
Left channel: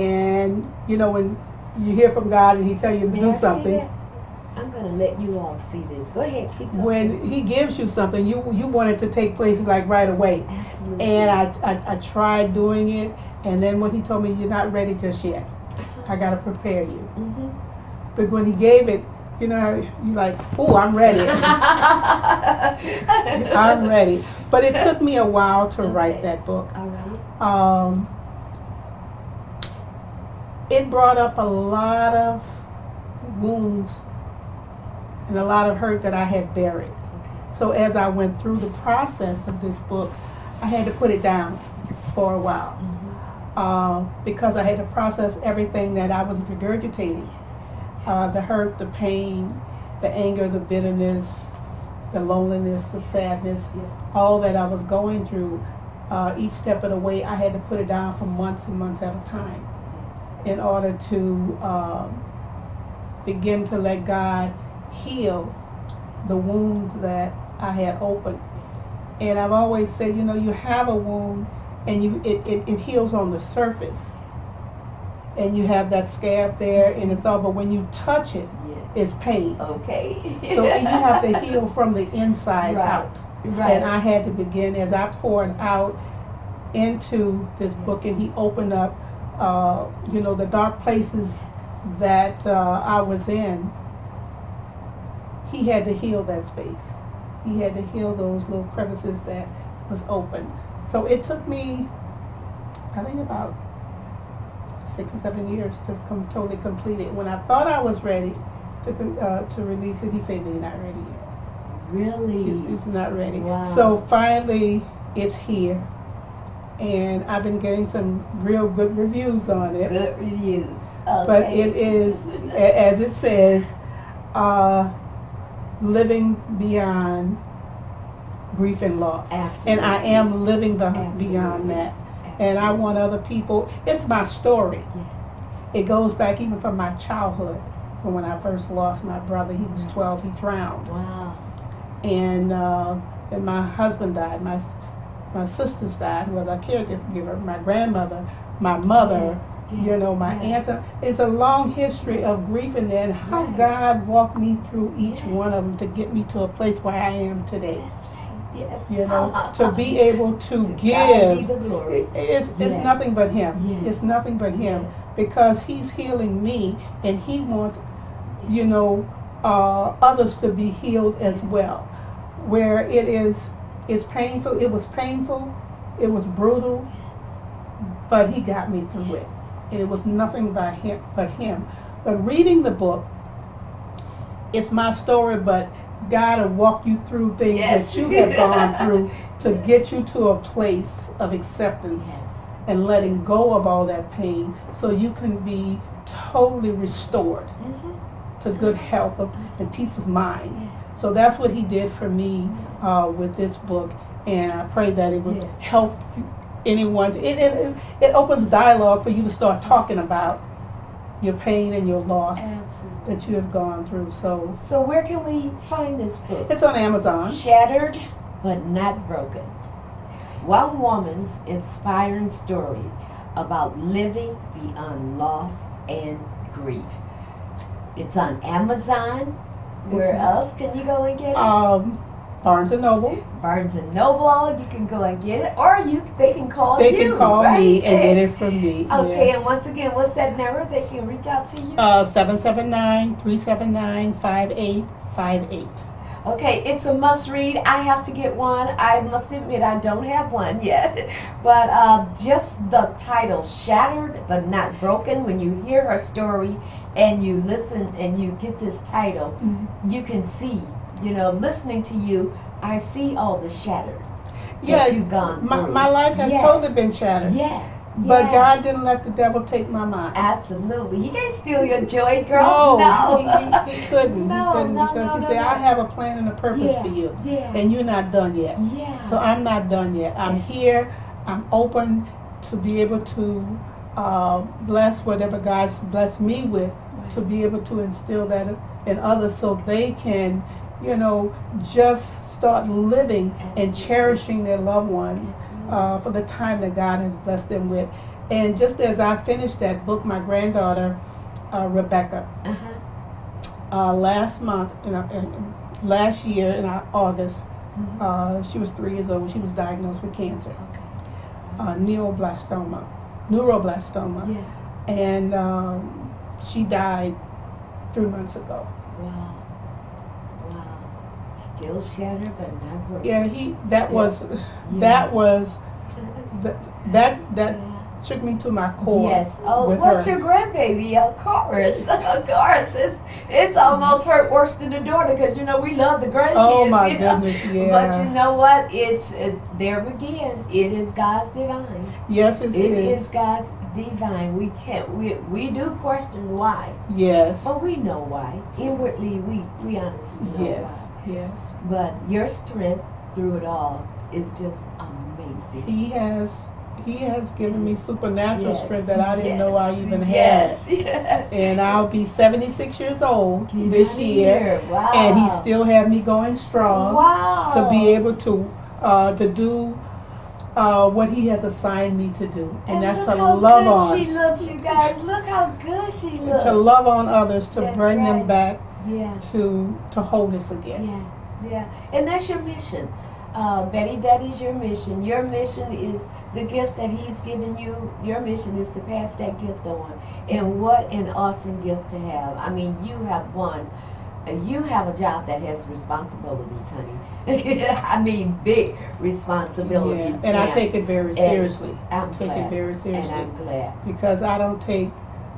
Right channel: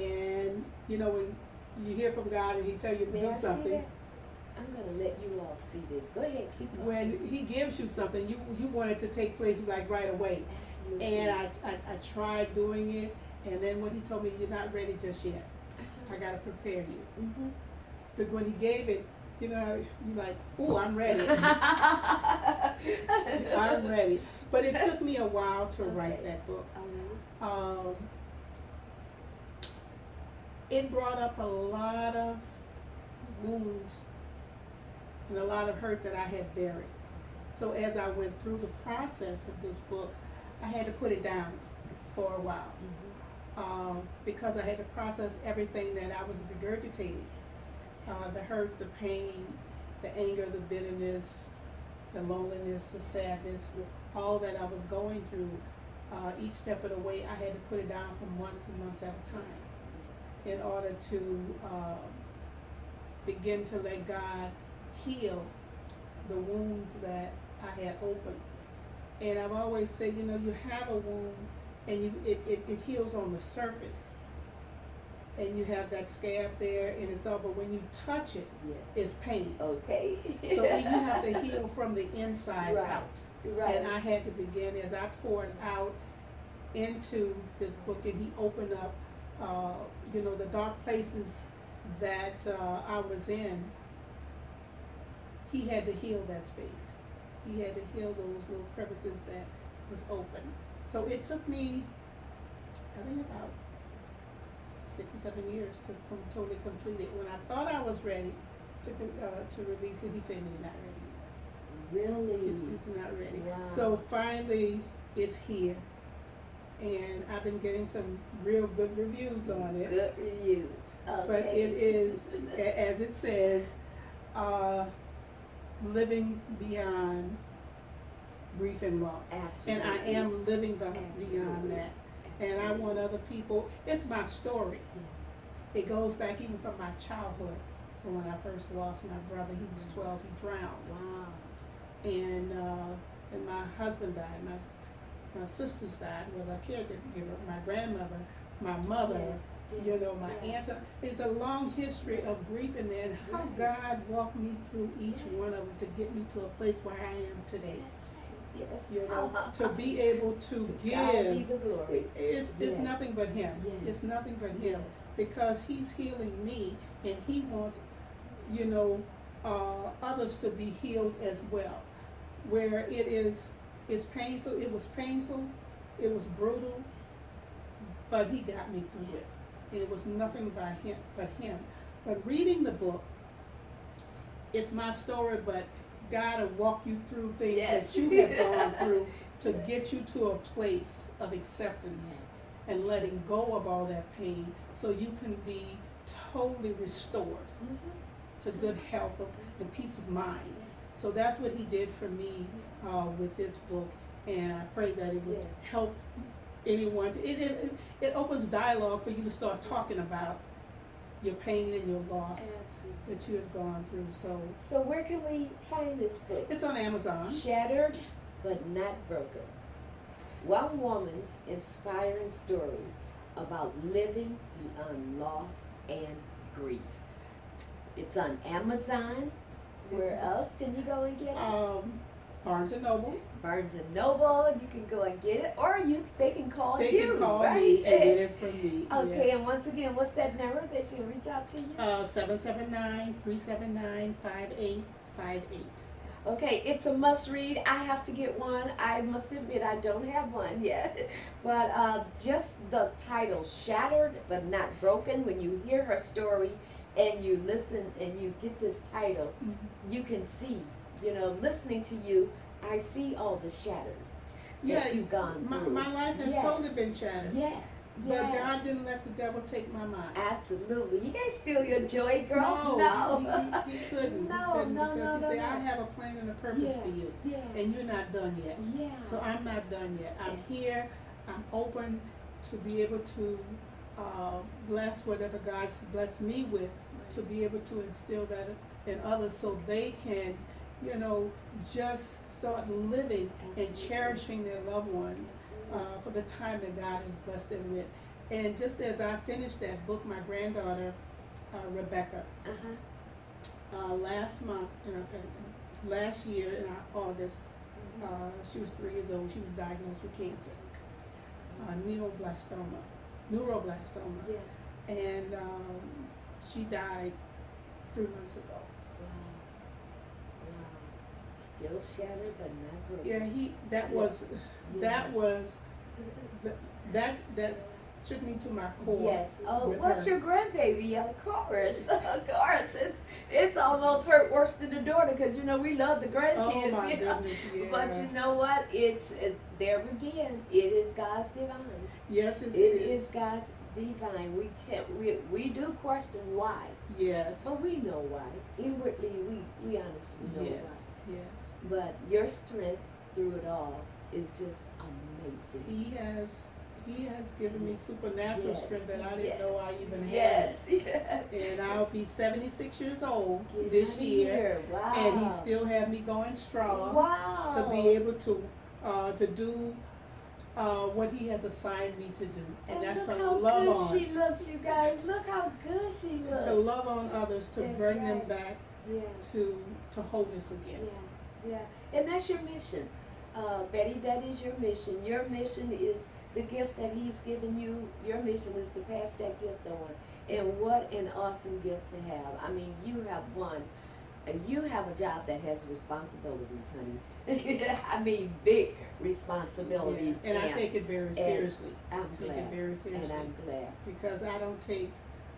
And, when you hear from God and He tell you to May I do see something, that? I'm gonna let you all see this. Go ahead, keep talking. when He gives you something, you want it to take place like right away. Absolutely. And I tried doing it, and then when He told me, you're not ready just yet. I got to prepare you. Mm-hmm. But when He gave it, you like, oh, I'm ready. I'm ready. But it took me a while to write Okay. that book. All right. It brought up a lot of wounds and a lot of hurt that I had buried. Okay. So as I went through the process of this book, I had to put it down for a while. Mm-hmm. Because I had to process everything that I was regurgitating. The hurt, the pain, the anger, the bitterness, the loneliness, the sadness, Yeah. all that I was going through. Each step of the way, I had to put it down for months and months at a time in order to begin to let God heal the wounds that I had opened. And I've always said, you have a wound and it heals on the surface. And you have that scab there and it's all, but when you touch it, Yeah. it's pain. Okay. So you have to heal from the inside Right. out. Right. And I had to begin as I poured out into this book, and He opened up, the dark places that I was in. He had to heal that space. He had to heal those little crevices that was open. So it took me, I think, about 6 or 7 years to totally complete it. When I thought I was ready to release it, He said, "You're not ready yet." Really? It's not ready. Wow. So finally, it's here, and I've been getting some real good reviews on it. Good reviews. Okay. But it is, as it says, living beyond grief and loss. Absolutely. And I am living beyond Absolutely. that. And I want other people. It's my story. Yes. It goes back even from my childhood, from when I first lost my brother. He was 12. He drowned. Wow. And my husband died. My sisters died, who was a caregiver. My grandmother, my mother, You know, my yes. aunts. It's a long history of grief in there, and how Right. God walked me through each Yeah. one of them to get me to a place where I am today. That's right. Yes. You know, to be able to God give. be the glory. It's Yes. nothing but Him. Yes. It's nothing but Him, Yes. because He's healing me, and He wants, you know, others to be healed as well. Where it's painful. It was painful. It was brutal, but He got me through it. And it was nothing but Him. But reading the book, it's my story, but God will walk you through things Yes. that you have gone through to get you to a place of acceptance Yes. and letting go of all that pain, so you can be totally restored Mm-hmm. to good health and peace of mind. Yes. So that's what He did for me with this book, and I pray that it would Yes. help anyone. It opens dialogue for you to start talking about your pain and your loss Absolutely. that you have gone through. So So where can we find this book? it's on Amazon. Shattered but not broken. One woman's inspiring story about living beyond loss and grief. It's on Amazon. Where It's- else can you go and get it? Barnes and Noble. Barnes and Noble. You can go and get it, or they can call They you. can call right? me and get it from me. Okay, Yes. and once again, what's that number they can reach out to you? 779-379-5858. Okay, it's a must read. I have to get one. I must admit I don't have one yet. But just the title, Shattered but Not Broken, when you hear her story and you listen and you get this title, you can see, listening to you, I see all the shatters Yeah, that you've gone through. my life has Yes. totally been shattered. Yes. But yes. God didn't let the devil take my mind. Absolutely. He can't steal your joy, girl. No, No. he couldn't. No, he couldn't no, because no, he no, said, no. I have a plan and a purpose Yeah, for you. yeah. And you're not done yet. Yeah. So I'm not done yet. I'm here. I'm open to be able to bless whatever God's blessed me with, to be able to instill that in others so they can, just start living and Absolutely. cherishing their loved ones for the time that God has blessed them with. And just as I finished that book, my granddaughter, Rebecca, last month, last year in August, she was 3 years old. She was diagnosed with cancer, neuroblastoma, Yeah. and she died 3 months ago. Wow. Wow. Still shattered but not broken. Yeah, that Yeah. was that Yeah. shook me to my core. Yes. Oh, with what's her. your grandbaby? Of course. Of course. It's almost hurt worse than the daughter because, we love the grandkids. Oh my you know? goodness, yeah. But you know what? There again, it is God's divine. Yes, it It is. is God's divine. We do question why, Yes. but we know why. Inwardly, we honestly know Yes. why. Yes. But your strength through it all is just amazing. He has given me supernatural Yes, strength that I didn't know I even yes, had. yes. And I'll be 76 years old this year, Wow. and he still had me going strong wow. to be able to do what he has assigned me to do, and that's look to how love good on, she looks, you guys. Look how good she looks. to love on others, to That's bring them right. back Yeah. to wholeness again. Yeah, yeah, and that's your mission, Betty. That is your mission. Your mission is the gift that He's given you. Your mission is to pass that gift on. And what an awesome gift to have! I mean, you have one. You have a job that has responsibilities, honey. I mean, big responsibilities. Yeah. And I take it very seriously. I'm Take glad. it very seriously. And I'm glad. Because I don't take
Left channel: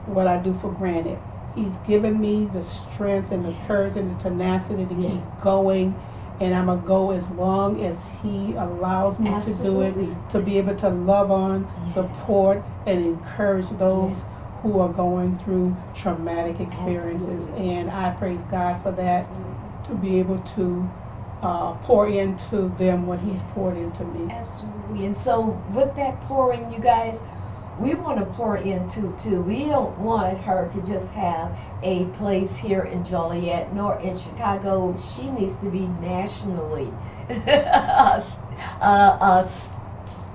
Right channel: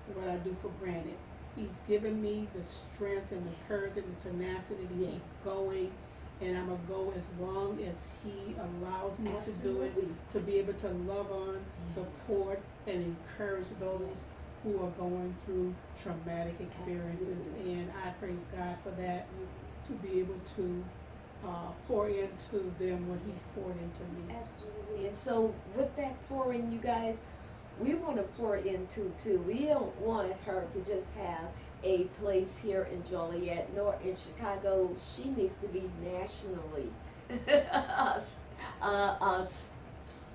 what I do for granted. He's given me the strength and the Yes. courage and the tenacity to Yeah. keep going, and I'm going to go as long as He allows me to do it, Absolutely. to be able to love on, Yes. support, and encourage those Yes. who are going through traumatic experiences. Absolutely. And I praise God for that, to be able to pour into them what He's poured into me. Absolutely. And so with that pouring, you guys, we want to pour into too. We don't want her to just have a place here in Joliet nor in Chicago. She needs to be nationally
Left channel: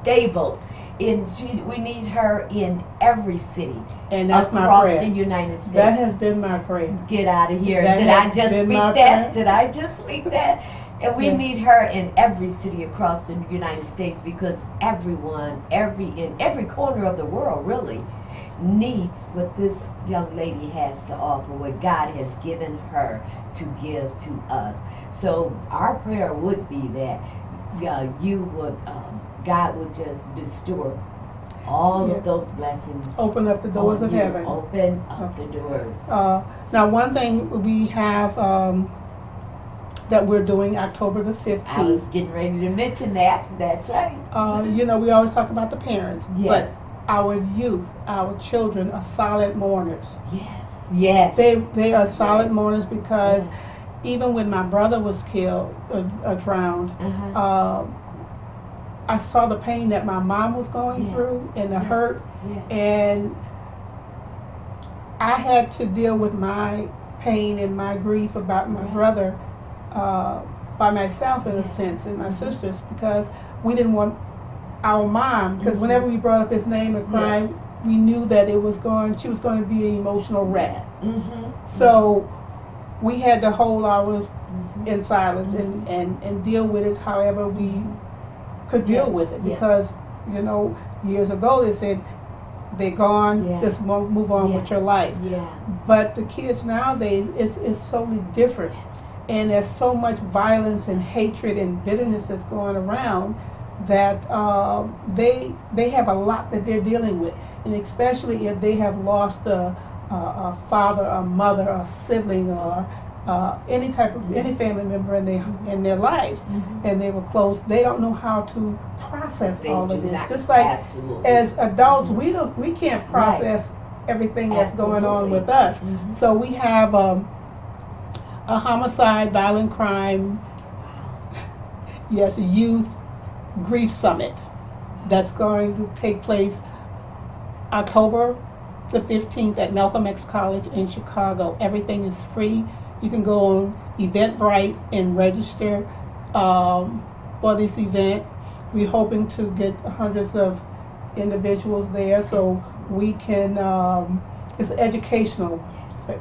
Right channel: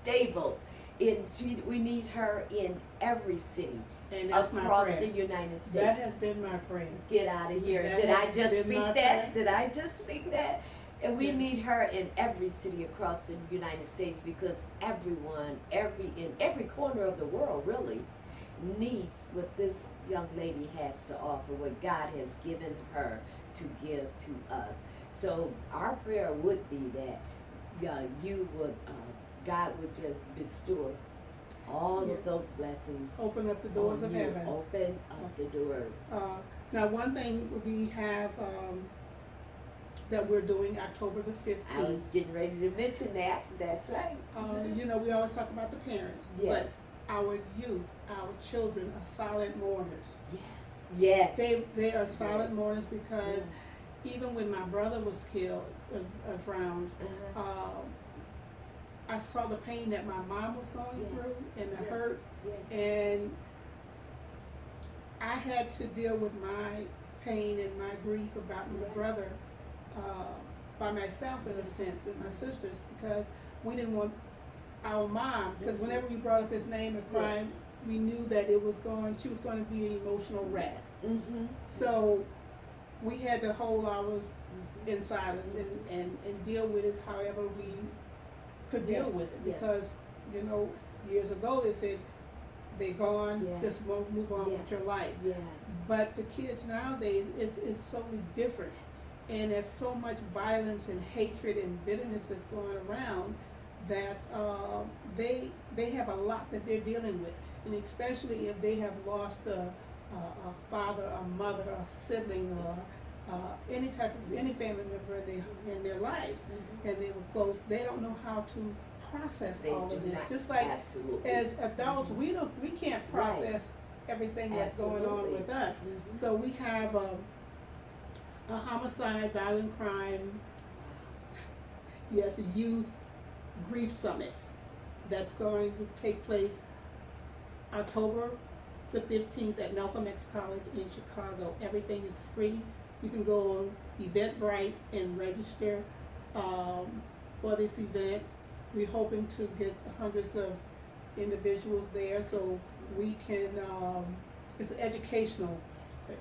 stable we need her in every city And that's my across prayer. the United States. That has been my prayer. Get out of here. That Did I has just been speak my that? prayer. Did I just speak that? And we Yes. need her in every city across the United States, because everyone, in every corner of the world really, needs what this young lady has to offer, what God has given her to give to us. So our prayer would be that you would, God would just bestow all Yeah. of those blessings. Open up the doors on of you. heaven. Open up the doors. Now, one thing we have that we're doing October the I was 15th. getting ready to mention that. That's right. You know, we always talk about the parents, Yes. but our youth, our children are solid mourners. Yes. Yes. They are solid Yes. mourners because Yes. even when my brother was killed, drowned, Uh-huh. I saw the pain that my mom was going Yeah. through and the Yeah. hurt, Yeah. and I had to deal with my pain and my grief about my Right. brother by myself in a Yeah. sense, and my Mhm. sisters, because we didn't want our mom, because Mhm. whenever we brought up his name and Yeah. cried, we knew that she was going to be an emotional wreck. Mm-hmm. So we had to hold ours Mm-hmm. in silence and deal with it however we could deal Yes, with it, yes. because you know, years ago they said they're gone, Yeah. just move on Yeah. with your life. Yeah. But the kids nowadays is totally different, Yes. and there's so much violence and hatred and bitterness that's going around that they have a lot that they're dealing with, and especially if they have lost a father, a mother, a sibling, or any type of any family member in their lives, Mm-hmm. and they were close. They don't know how to process They all do of this. not. Just like Absolutely. as adults, Mhm. we can't process everything that's going on Absolutely. with us. Mhm. So we have a homicide, violent crime, yes, a youth grief summit that's going to take place October the 15th at Malcolm X College in Chicago. Everything is free. You can go on Eventbrite and register for this event. We're hoping to get hundreds of individuals there, so we can, it's an educational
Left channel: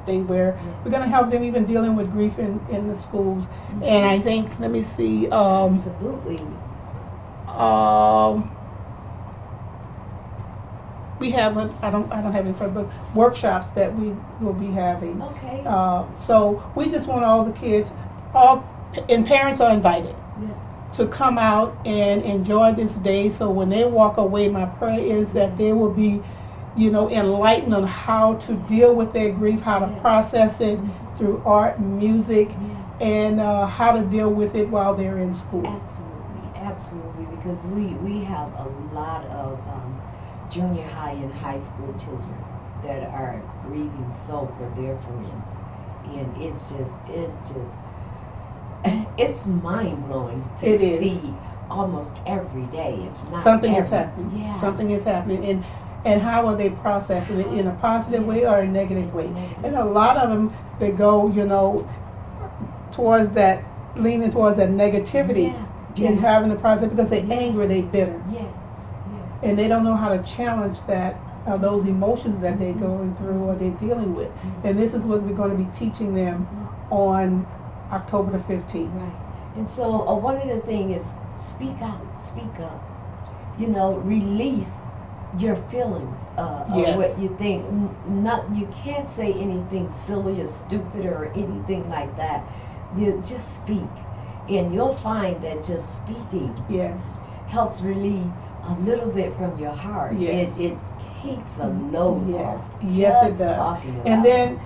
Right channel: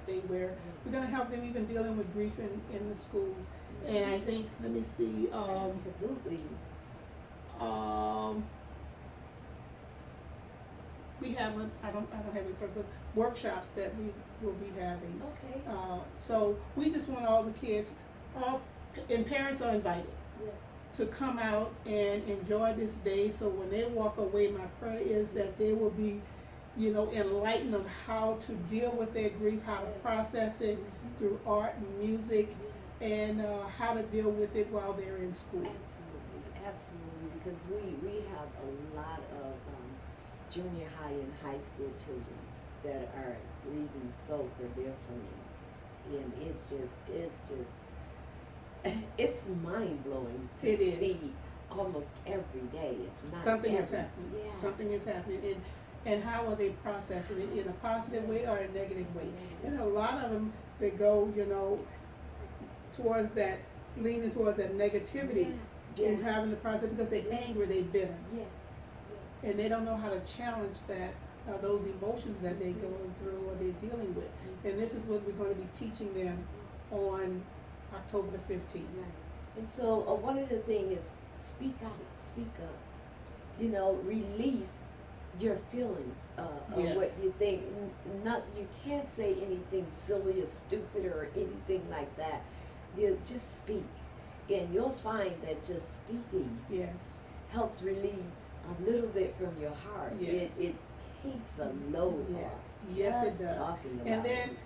thing where we're going to help them even dealing with grief in the schools. And I think, let me see, Absolutely. we have, I don't have it in front, but workshops that we will be having. Okay. So we just want all the kids, and parents are invited to come out and enjoy this day. So when they walk away, my prayer is that they will be, you know, enlightened on how to deal with their grief, how to process it through art and music, Yeah. and how to deal with it while they're in school. Absolutely, absolutely, because we have a lot of junior high and high school children that are grieving so for their friends, and it's mind blowing to It is. see almost every day, if not Something is every. happening. Yeah. Something is happening, and how are they processing it, in a positive way or a negative way? And a lot of them, they go, you know, towards that, leaning towards that negativity Yeah. in Yeah. having the process, because they're angry, they're bitter, Yes. and they don't know how to challenge that, those emotions that they're going through or they're dealing with. And this is what we're going to be teaching them on October the 15th. Right. And so one of the things is speak out, speak up. You know, release your feelings Yes. of what you think. Not, you can't say anything silly or stupid or anything like that. You just speak, and you'll find that just speaking Yes. helps relieve a little bit from your heart. Yes. It takes a load Yes. off. Yes, it Just does. talking about And then it.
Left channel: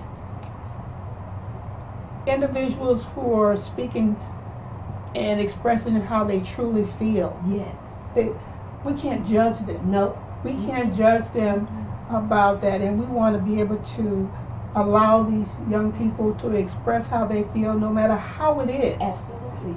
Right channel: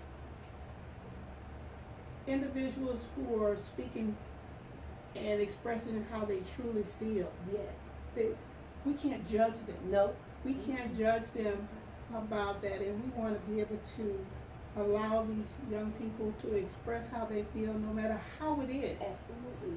individuals who are speaking and expressing how they truly feel, Yes. we can't judge them. No. We can't judge them about that, and we want to be able to allow these young people to express how they feel, no matter how it is. Absolutely.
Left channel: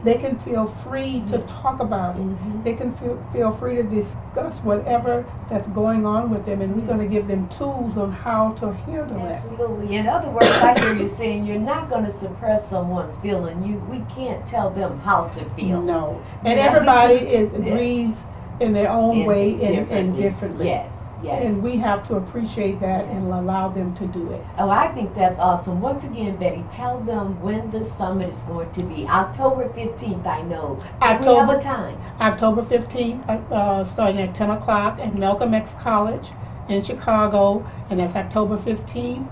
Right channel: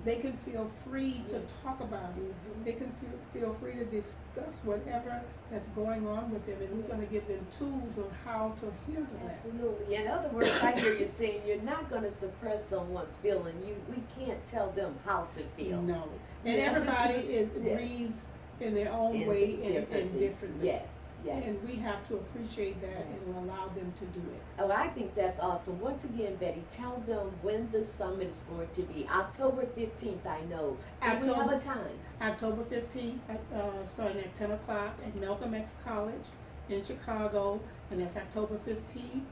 They can feel free to talk about it. Mhm. They can feel free to discuss whatever that's going on with them, and we're going to give them tools on how to handle that. Absolutely. In other words, I hear you saying you're not going to suppress someone's feeling. We can't tell them how to feel. No. And Yeah. everybody Yeah. grieves in their own way and differently. differently. Yes, yes. And we have to appreciate that and allow them to do it. Oh, I think that's awesome. Once again, Betty, tell them when the summit is going to be. October 15th, I know. Do we have a time? October 15th, starting at 10 o'clock at Malcolm X College in Chicago, and that's October 15th.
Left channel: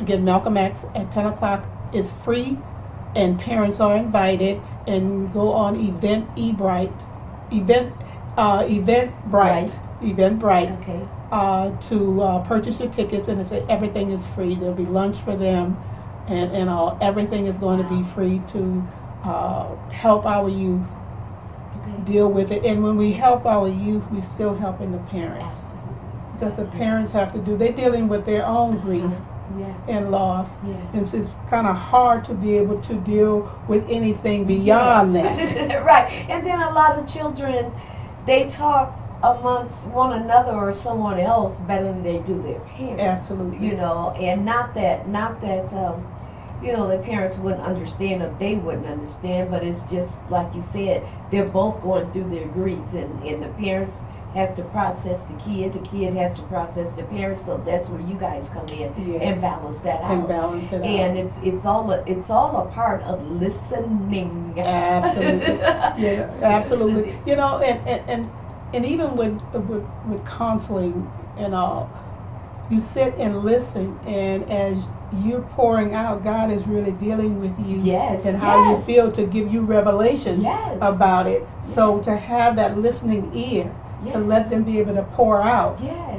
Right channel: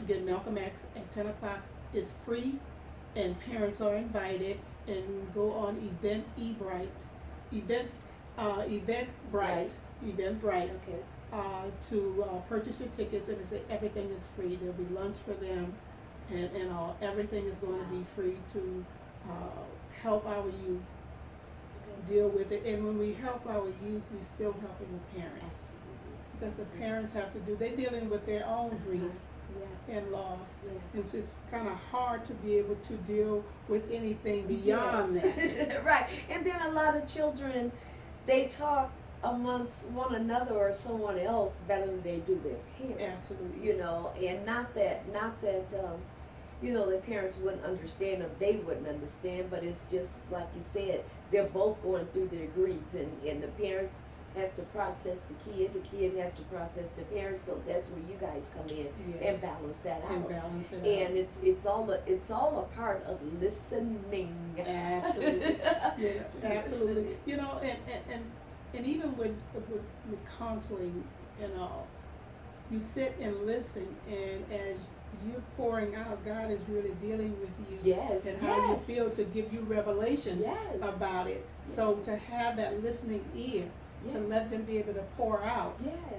Again, Malcolm X at 10 o'clock is free, and parents are invited. And go on Eventbrite, Okay. to purchase your tickets, and everything is free. There'll be lunch for them, and all. Everything is going to be free to help our youth Okay. deal with it. And when we help our youth, we're still helping the parents, Absolutely. because the parents have to they're dealing with their own grief Yeah. and loss. Yeah. And it's kind of hard to be able to deal with anything beyond that. that. Right. And then a lot of children, they talk amongst one another or someone else better than they do their parents. Absolutely. You know, and not that you know, the parents wouldn't understand or they wouldn't understand, but it's just like you said, they're both going through their griefs, and the parents has to process the kid has to process the parents, so that's where you guys come in Yes. and balance that out. And balance it And out. it's all a part of listening. Absolutely. Yeah, absolutely. Listening. You know, and even with counseling and all, you sit and listen, and as you're pouring out, God is really dealing with you. Yes, And how you yes. feel, to give you revelations Yes. about it. So to have that listening ear, Yes. to let them be able to pour out, Yes,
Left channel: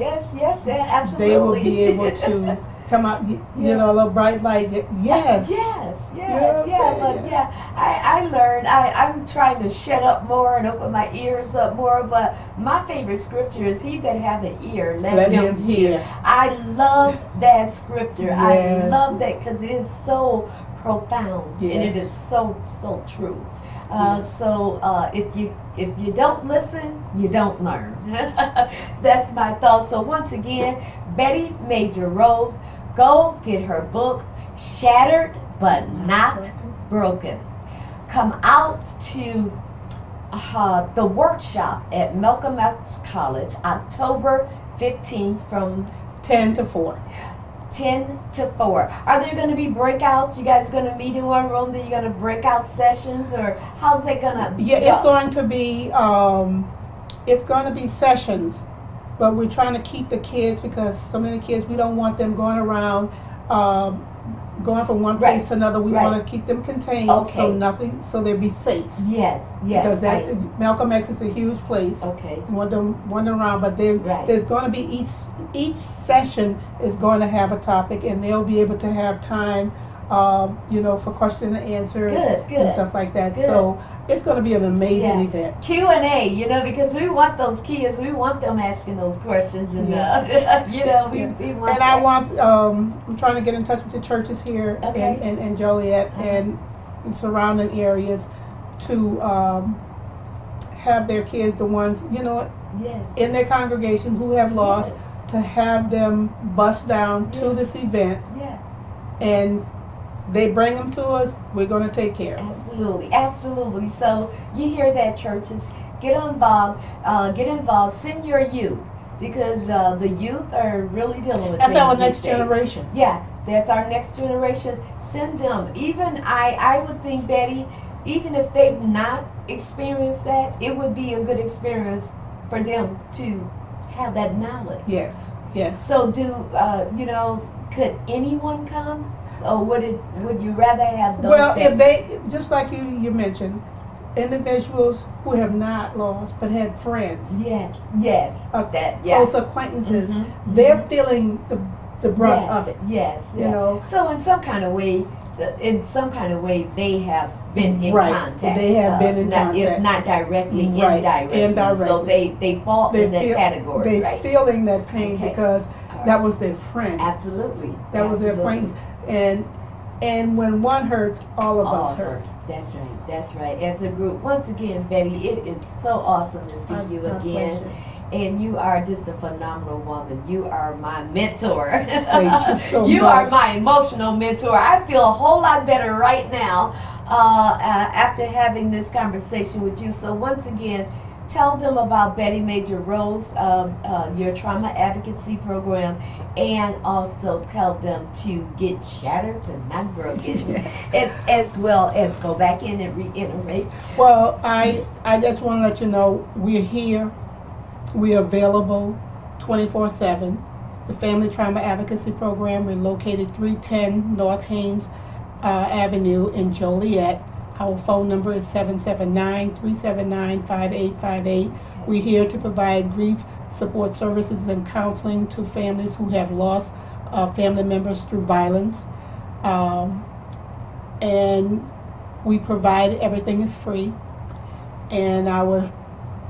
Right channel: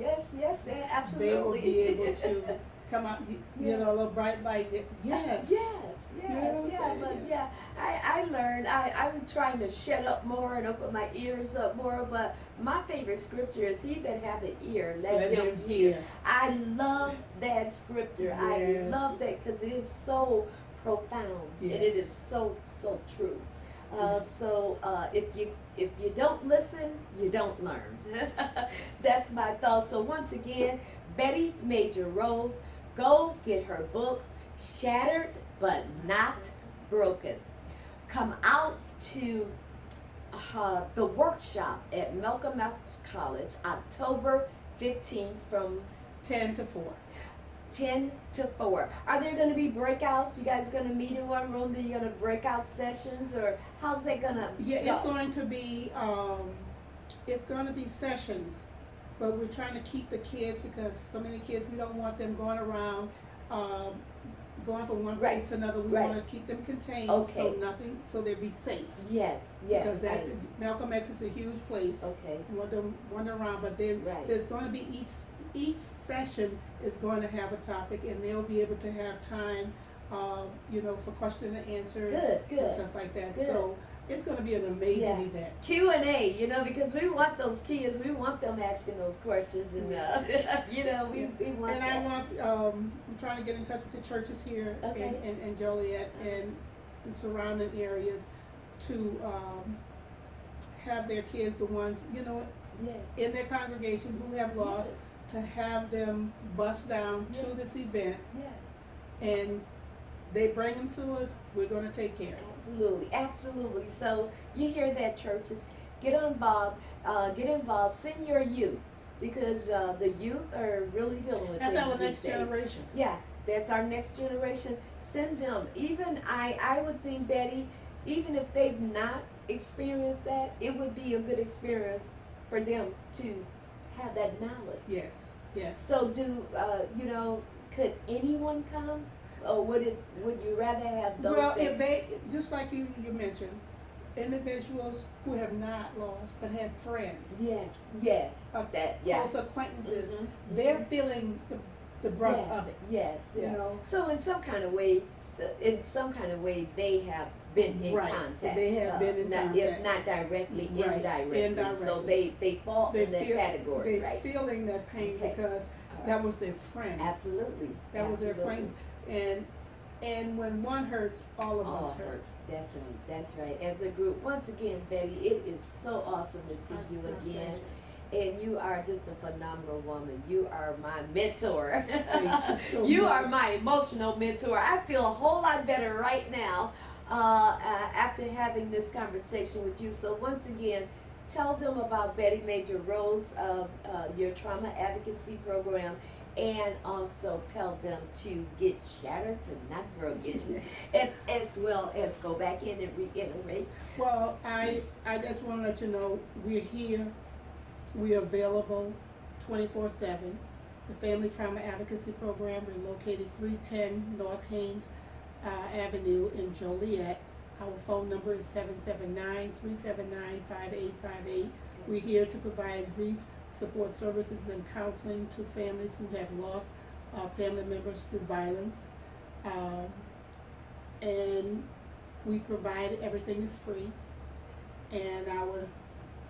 absolutely. they will be able to come out, Yeah. a little bright light. Yes. Yes, You know what I'm saying? but yeah, I learned, I'm trying to shut up more and open my ears up more, but my favorite scripture is, he that have an ear, let him hear. I love that scripture. I Yes. love that because it is so profound and it Yes. is so true. Yes. So if you don't listen, you don't learn. That's my thought. So once again, Betty Major Rhodes, go get her book, Shattered but Not Broken. Come out to the workshop at Malcolm X College, October 15th from 10 to 4. 10 to 4. Are there going to be breakouts? You guys going to meet in one room? Then you're going to breakout sessions, or how's it going to? Yeah, it's going to be sessions, but we're trying to keep the kids, because so many kids, we don't want them going around, going from one place Right, to another. We right. want to keep them contained, Okay. so they'll be safe. Yes. Because Malcolm X is a huge place. Okay. Wander around, but Right. there's going to be each session is going to have a topic, and they'll be able to have time, for question and answer Good. and stuff like that. Good. So it's going to be an amazing Yeah. event. Q&A, because we want those kids, we want them asking those questions, and we Yeah. want. And I want, I'm trying to get in touch with the churches here Okay. in Joliet Uh-huh. and surrounding areas to have their kids, the ones, Yes. in their congregation who have lost, to have them bust down to Yeah. this event, Yeah. and they bring them to us, we're going to take care of them. Absolutely. So you hear that, churches? Get involved. Send your youth, because the youth are really dealing with That's things our these next days. generation. Yeah, that's our next generation. Send them. Even I would think, Betty, even if they've not experienced that, it would be a good experience for them to have that knowledge. Yes. So could anyone come? Or would you rather have those Well, that's- if they, just like you mentioned, individuals who have not lost but had friends, Yes. close acquaintances, Mhm, they're feeling the brunt of it. Yes. You know, So in some kind of way, they have been in Right. contact. They have been in not, If contact. not directly, Right. indirectly. Indirectly. So they fall in that category, they're right? feeling that pain Okay. because All that right. was their friend. Absolutely. That was their Absolutely. acquaintance. And when one hurts, all of us hurt. That's right. As a group. Once again, Betty, it is so awesome to see you My again. pleasure. And you are just a phenomenal woman. You are my mentor. Thank you so You much. are my emotional mentor. I feel a whole lot better right now after having this conversation with you. So once again, tell them about Betty Major Rose, your trauma advocacy program, and also tell them to get shattered but not broken, Yes. and as well as go back in and reiterate. Well, I just want to let you know we're here. We're available 24/7. The Family Trauma Advocacy Program, we're located 310 North Haynes Avenue in Joliet. Our phone number is 779-379-5858. We're here to provide grief support services and counseling to families who have lost family members through violence. And we provide, everything is free. And I would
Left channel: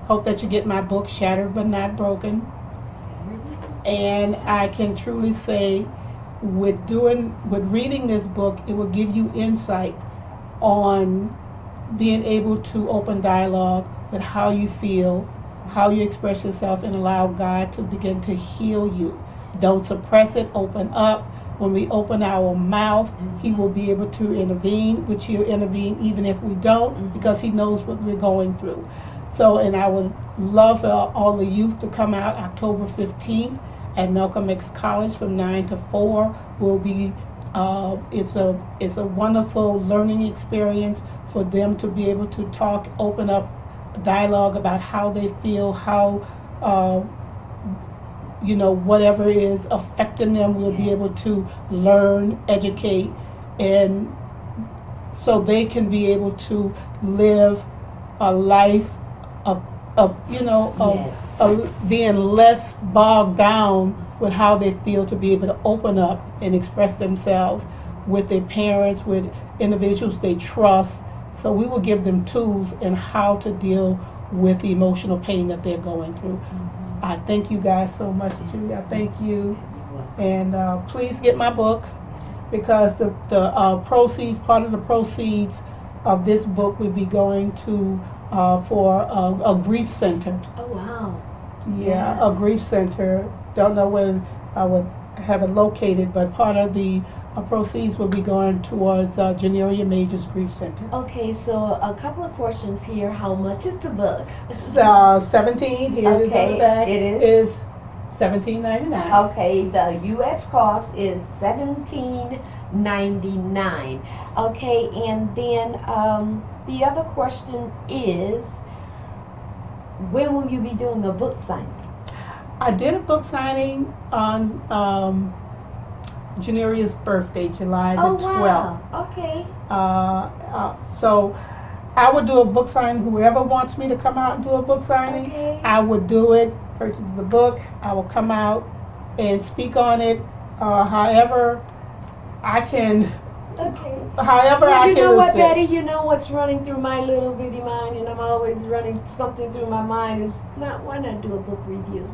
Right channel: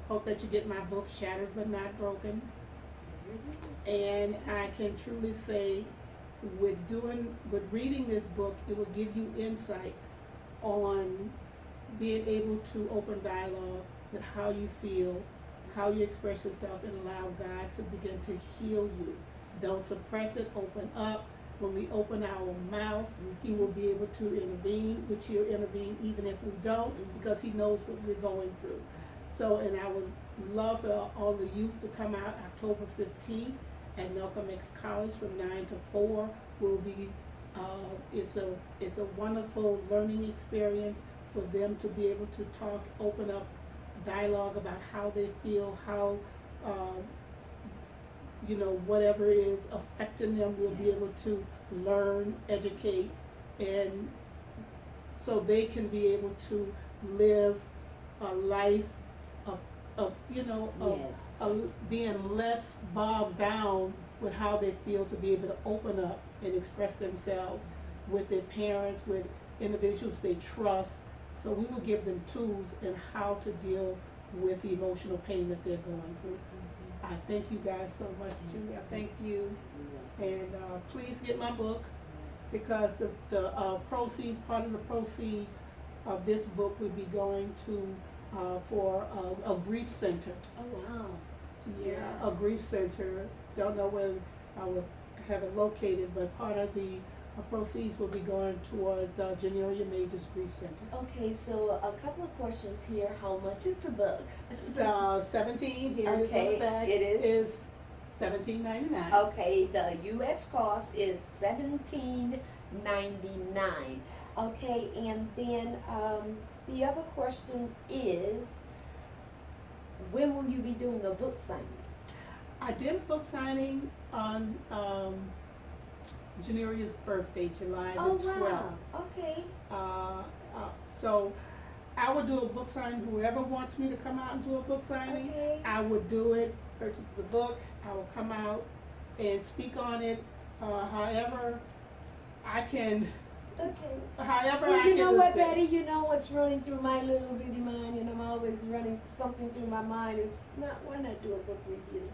hope that you get my book, Shattered But Not Broken. And I can truly say, with reading this book, it will give you insights on being able to open dialogue with how you feel, how you express yourself, and allow God to begin to heal you. Don't suppress it, open up. When we open our mouth, He will be able to intervene, which He'll intervene even if we don't, because He knows what we're going through. So, and I would love for all the youth to come out October 15th at Malcolm X College from 9 to 4. Will be it's a wonderful learning experience for them to be able to talk, open up dialogue about how they feel, how whatever is affecting them, we'll be able to learn, educate, and so they can be able to live a life of being less bogged down with how they feel, to be able to open up and express themselves with their parents, with individuals they trust. So we will give them tools in how to deal with the emotional pain that they're going through. I thank you guys so much, Julie. I thank you. And please get my book, because the proceeds, part of the proceeds of this book will be going to for a grief center. Oh, wow. Yeah, a grief center. Don't know when I would have it located, but part of the proceeds will be going towards Janeria Major's Grief Center. Okay, so a couple of questions here. How much is the book? 17, here it is on the back. It is $17.99. Okay, the U.S. cost is $17.99. Okay, and then the other question is, when will you be doing the book signing? I did a book signing on Janeria's birthday, July the 12th. Wow. Okay. So I would do a book signing. Whoever wants me to come out and do a book signing, Okay. I would do it, purchase the book. I will come out and speak on it. However I can. Okay. However I You can know what, assist. Betty? You know what's running through my little bitty mind, and I'm always running something through my mind, is why not do a book review?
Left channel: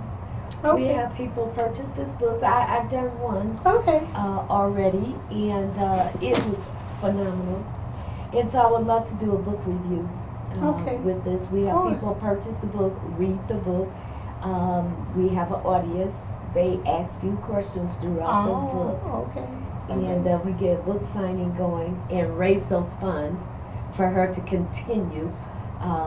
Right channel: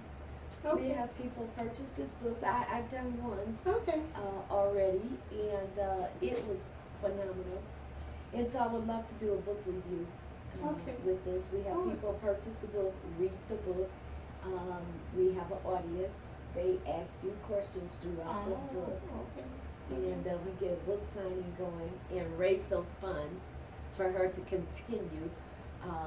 We Okay. have people purchase this book. I've done one Okay. already, and it was phenomenal. And so I would love to do a book review Okay. with this. We have Sure. people purchase the book, read the book. We have an audience. They ask you questions throughout the book. Oh, okay. And we get a book signing going and raise those funds for her to continue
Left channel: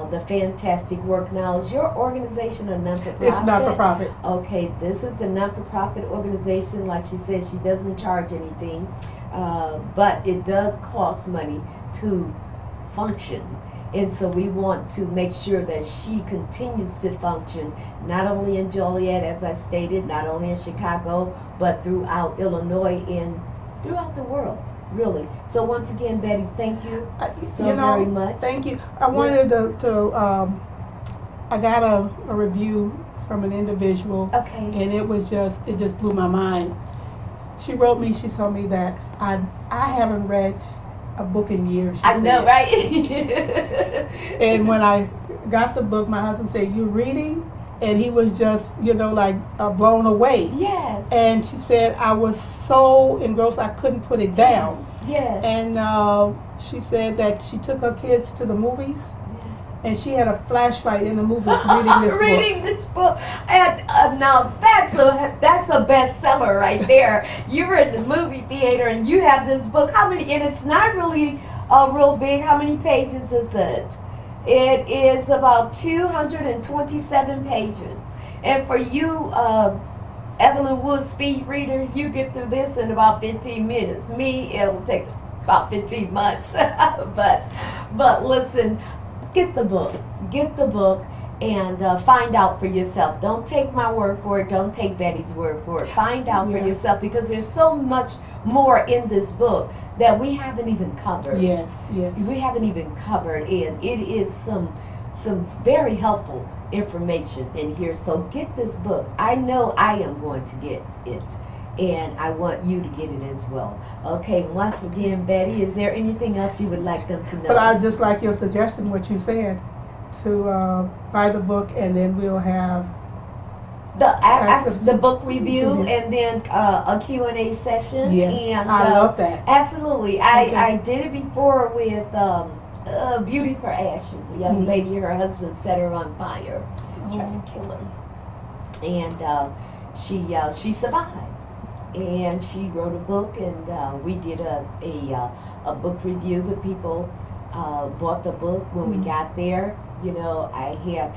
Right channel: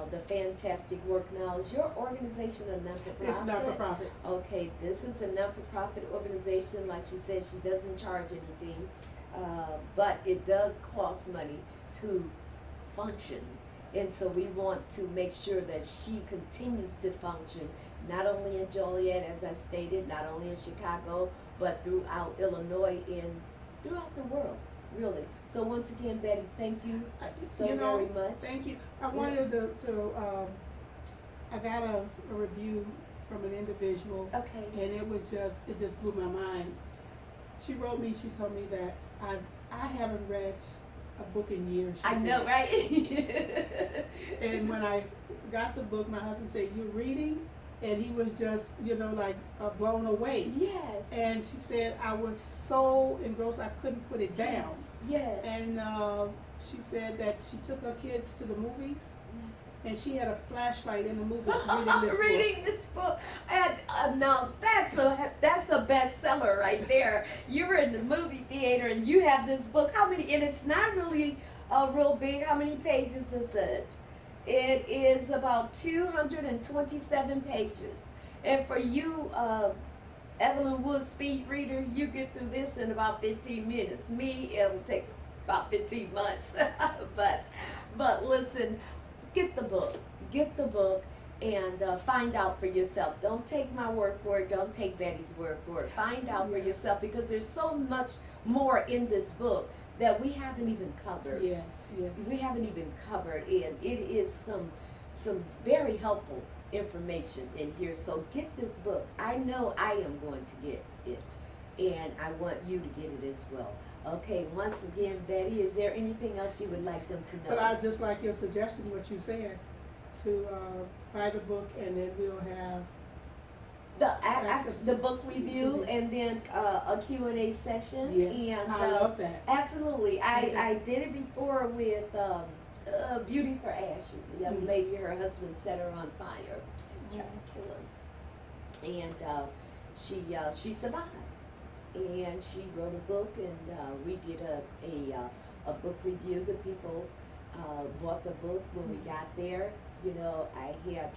the fantastic work. Now, is your organization a non-for-profit? It's not for profit. Okay, this is a non-for-profit organization. Like she said, she doesn't charge anything, but it does cost money to function. And so we want to make sure that she continues to function, not only in Joliet, as I stated, not only in Chicago, but throughout Illinois and throughout the world, really. So once again, Betty, thank you so very much. Thank you. I wanted to I got a review from an individual, Okay. and it just blew my mind. She wrote me, she told me that I haven't read a book in years. She I know, said. right? And when I got the book, my husband said, "You reading?" And he was just, blown away. Yes. And she said, I was so engrossed I couldn't put it down. Yes. And she said that she took her kids to the movies, and she had a flashlight in the movies reading this book. Reading this book, and now that's a bestseller right there. You're in the movie theater and you have this book. How many? And it's not really real big. How many pages is it? It is about 227 pages. And for you, Evelyn Wood speed readers, you get through this in about 15 minutes. Me, it'll take about 15 months. but listen, get the book. Get the book and find out for yourself. Don't take my word for it. Don't take Betty's word for it. Find out for yourself, because there's so much more in this book that we haven't even covered. Yes. We haven't even covered, and it is some very helpful information in here. So get this book. I know I am going to get it, and I want you to get it as well. Okay, once again, Betty, is there anything else you would like them to know? But I just like your suggestion, what you said, to buy the book, and then we'll have the book review, and then a Q&A session. Yes, and I love that. Absolutely. Okay. I did it before with Beauty for Ashes. A young lady, her husband set her on fire, tried to kill her, and she survived. And she wrote a book, and we did a book review. The people bought the book when we got there. You know, I had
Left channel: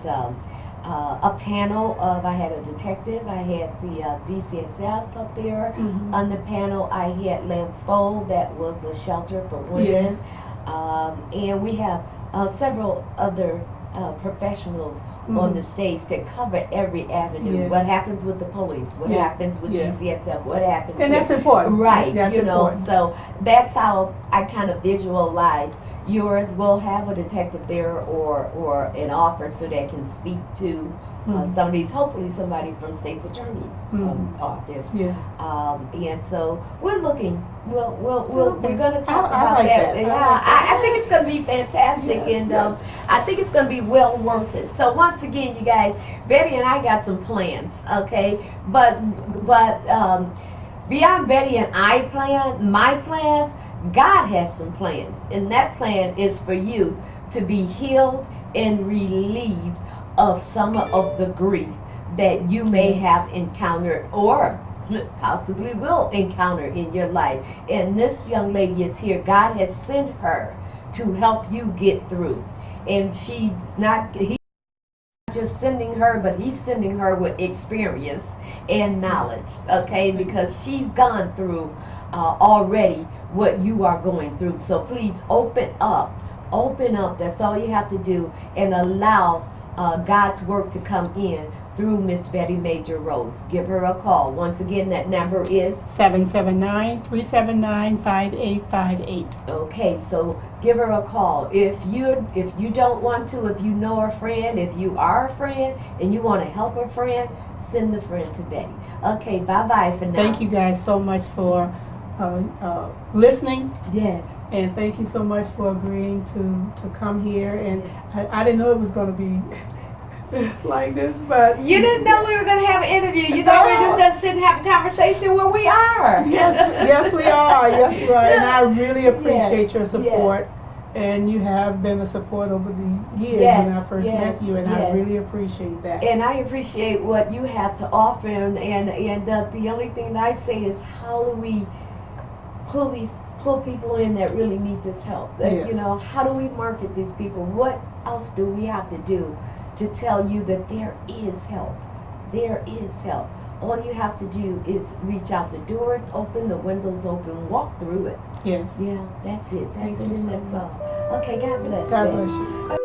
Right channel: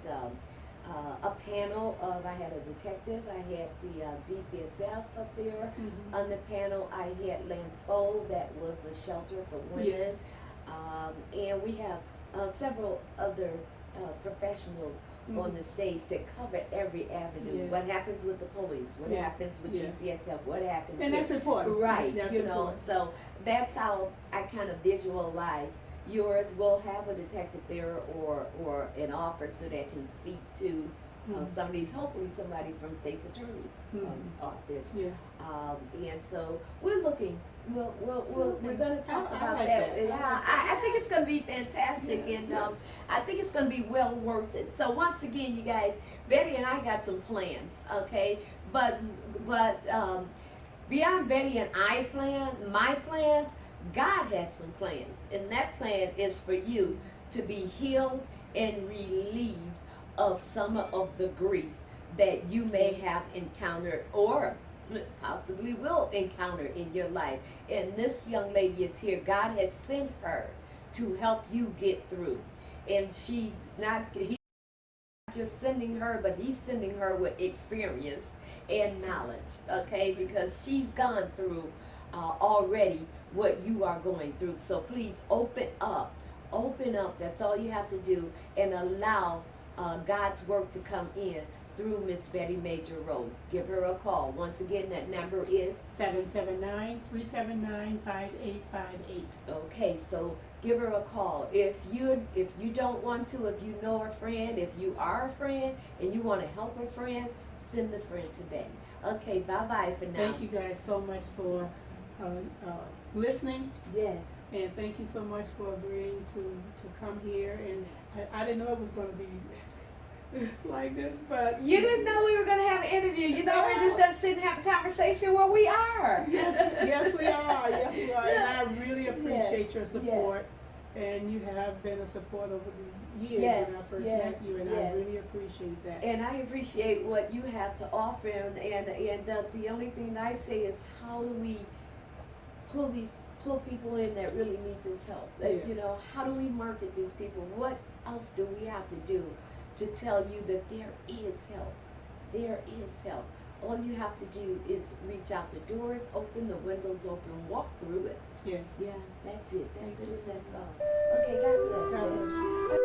a panel of, I had a detective, I had the DCSF up there. On the panel, I had Lance Fold, that was a shelter for women. And we have several other professionals on the stage that cover every avenue. What happens with the police, what happens with DCSF, what happens and here. that's important. Right, That's you know, important. so that's how I kind of visualize. Yours will have a detective there or an officer that can speak to some of these, hopefully somebody from state's attorney's office. Yes. And so we're looking, we're going to talk I about like that. that. Yeah, I like that. I think it's going to be fantastic, and I think it's going to be well worth it. So once again, you guys, Betty and I got some plans, okay? But beyond Betty and I plan, my plans, God has some plans, and that plan is for you to be healed and relieved of some of the grief that you may have encountered or possibly will encounter in your life. And this young lady is here. God has sent her to help you get through. And he's not just sending her, but he's sending her with experience and knowledge, okay? Because she's gone through already what you are going through. So please open up. That's all you have to do, and allow God's work to come in through Miss Betty Major Rose. Give her a call. Once again, that number is 779-379-5858. okay. So give her a call. If you don't want to, if you know a friend, if you are a friend and you want to help a friend, send the friend to Betty. Okay, bye for now. Thank you guys so much for listening. Yes. And thank you so much for agreeing to come here. And I didn't know it was going to be like this, but You didn't know we were going to have an interview. You thought we were just going to sit and have a conversation. Well, we are. yes, we are. Yes, we are. And I really appreciate your support. And you have been a support over the years when I first met you, and I really appreciate that. And I appreciate what you have to offer. And the only thing that I say is, how do we pull people in that really need this help? You know, how do we market these people? What else do we have to do to tell you that there is help? There is help. All you have to do is reach out. The doors open, the windows open, walk through it. Yes. Yeah, that's it. Thank you so That's much. all. Okay, God bless. God baby. bless you.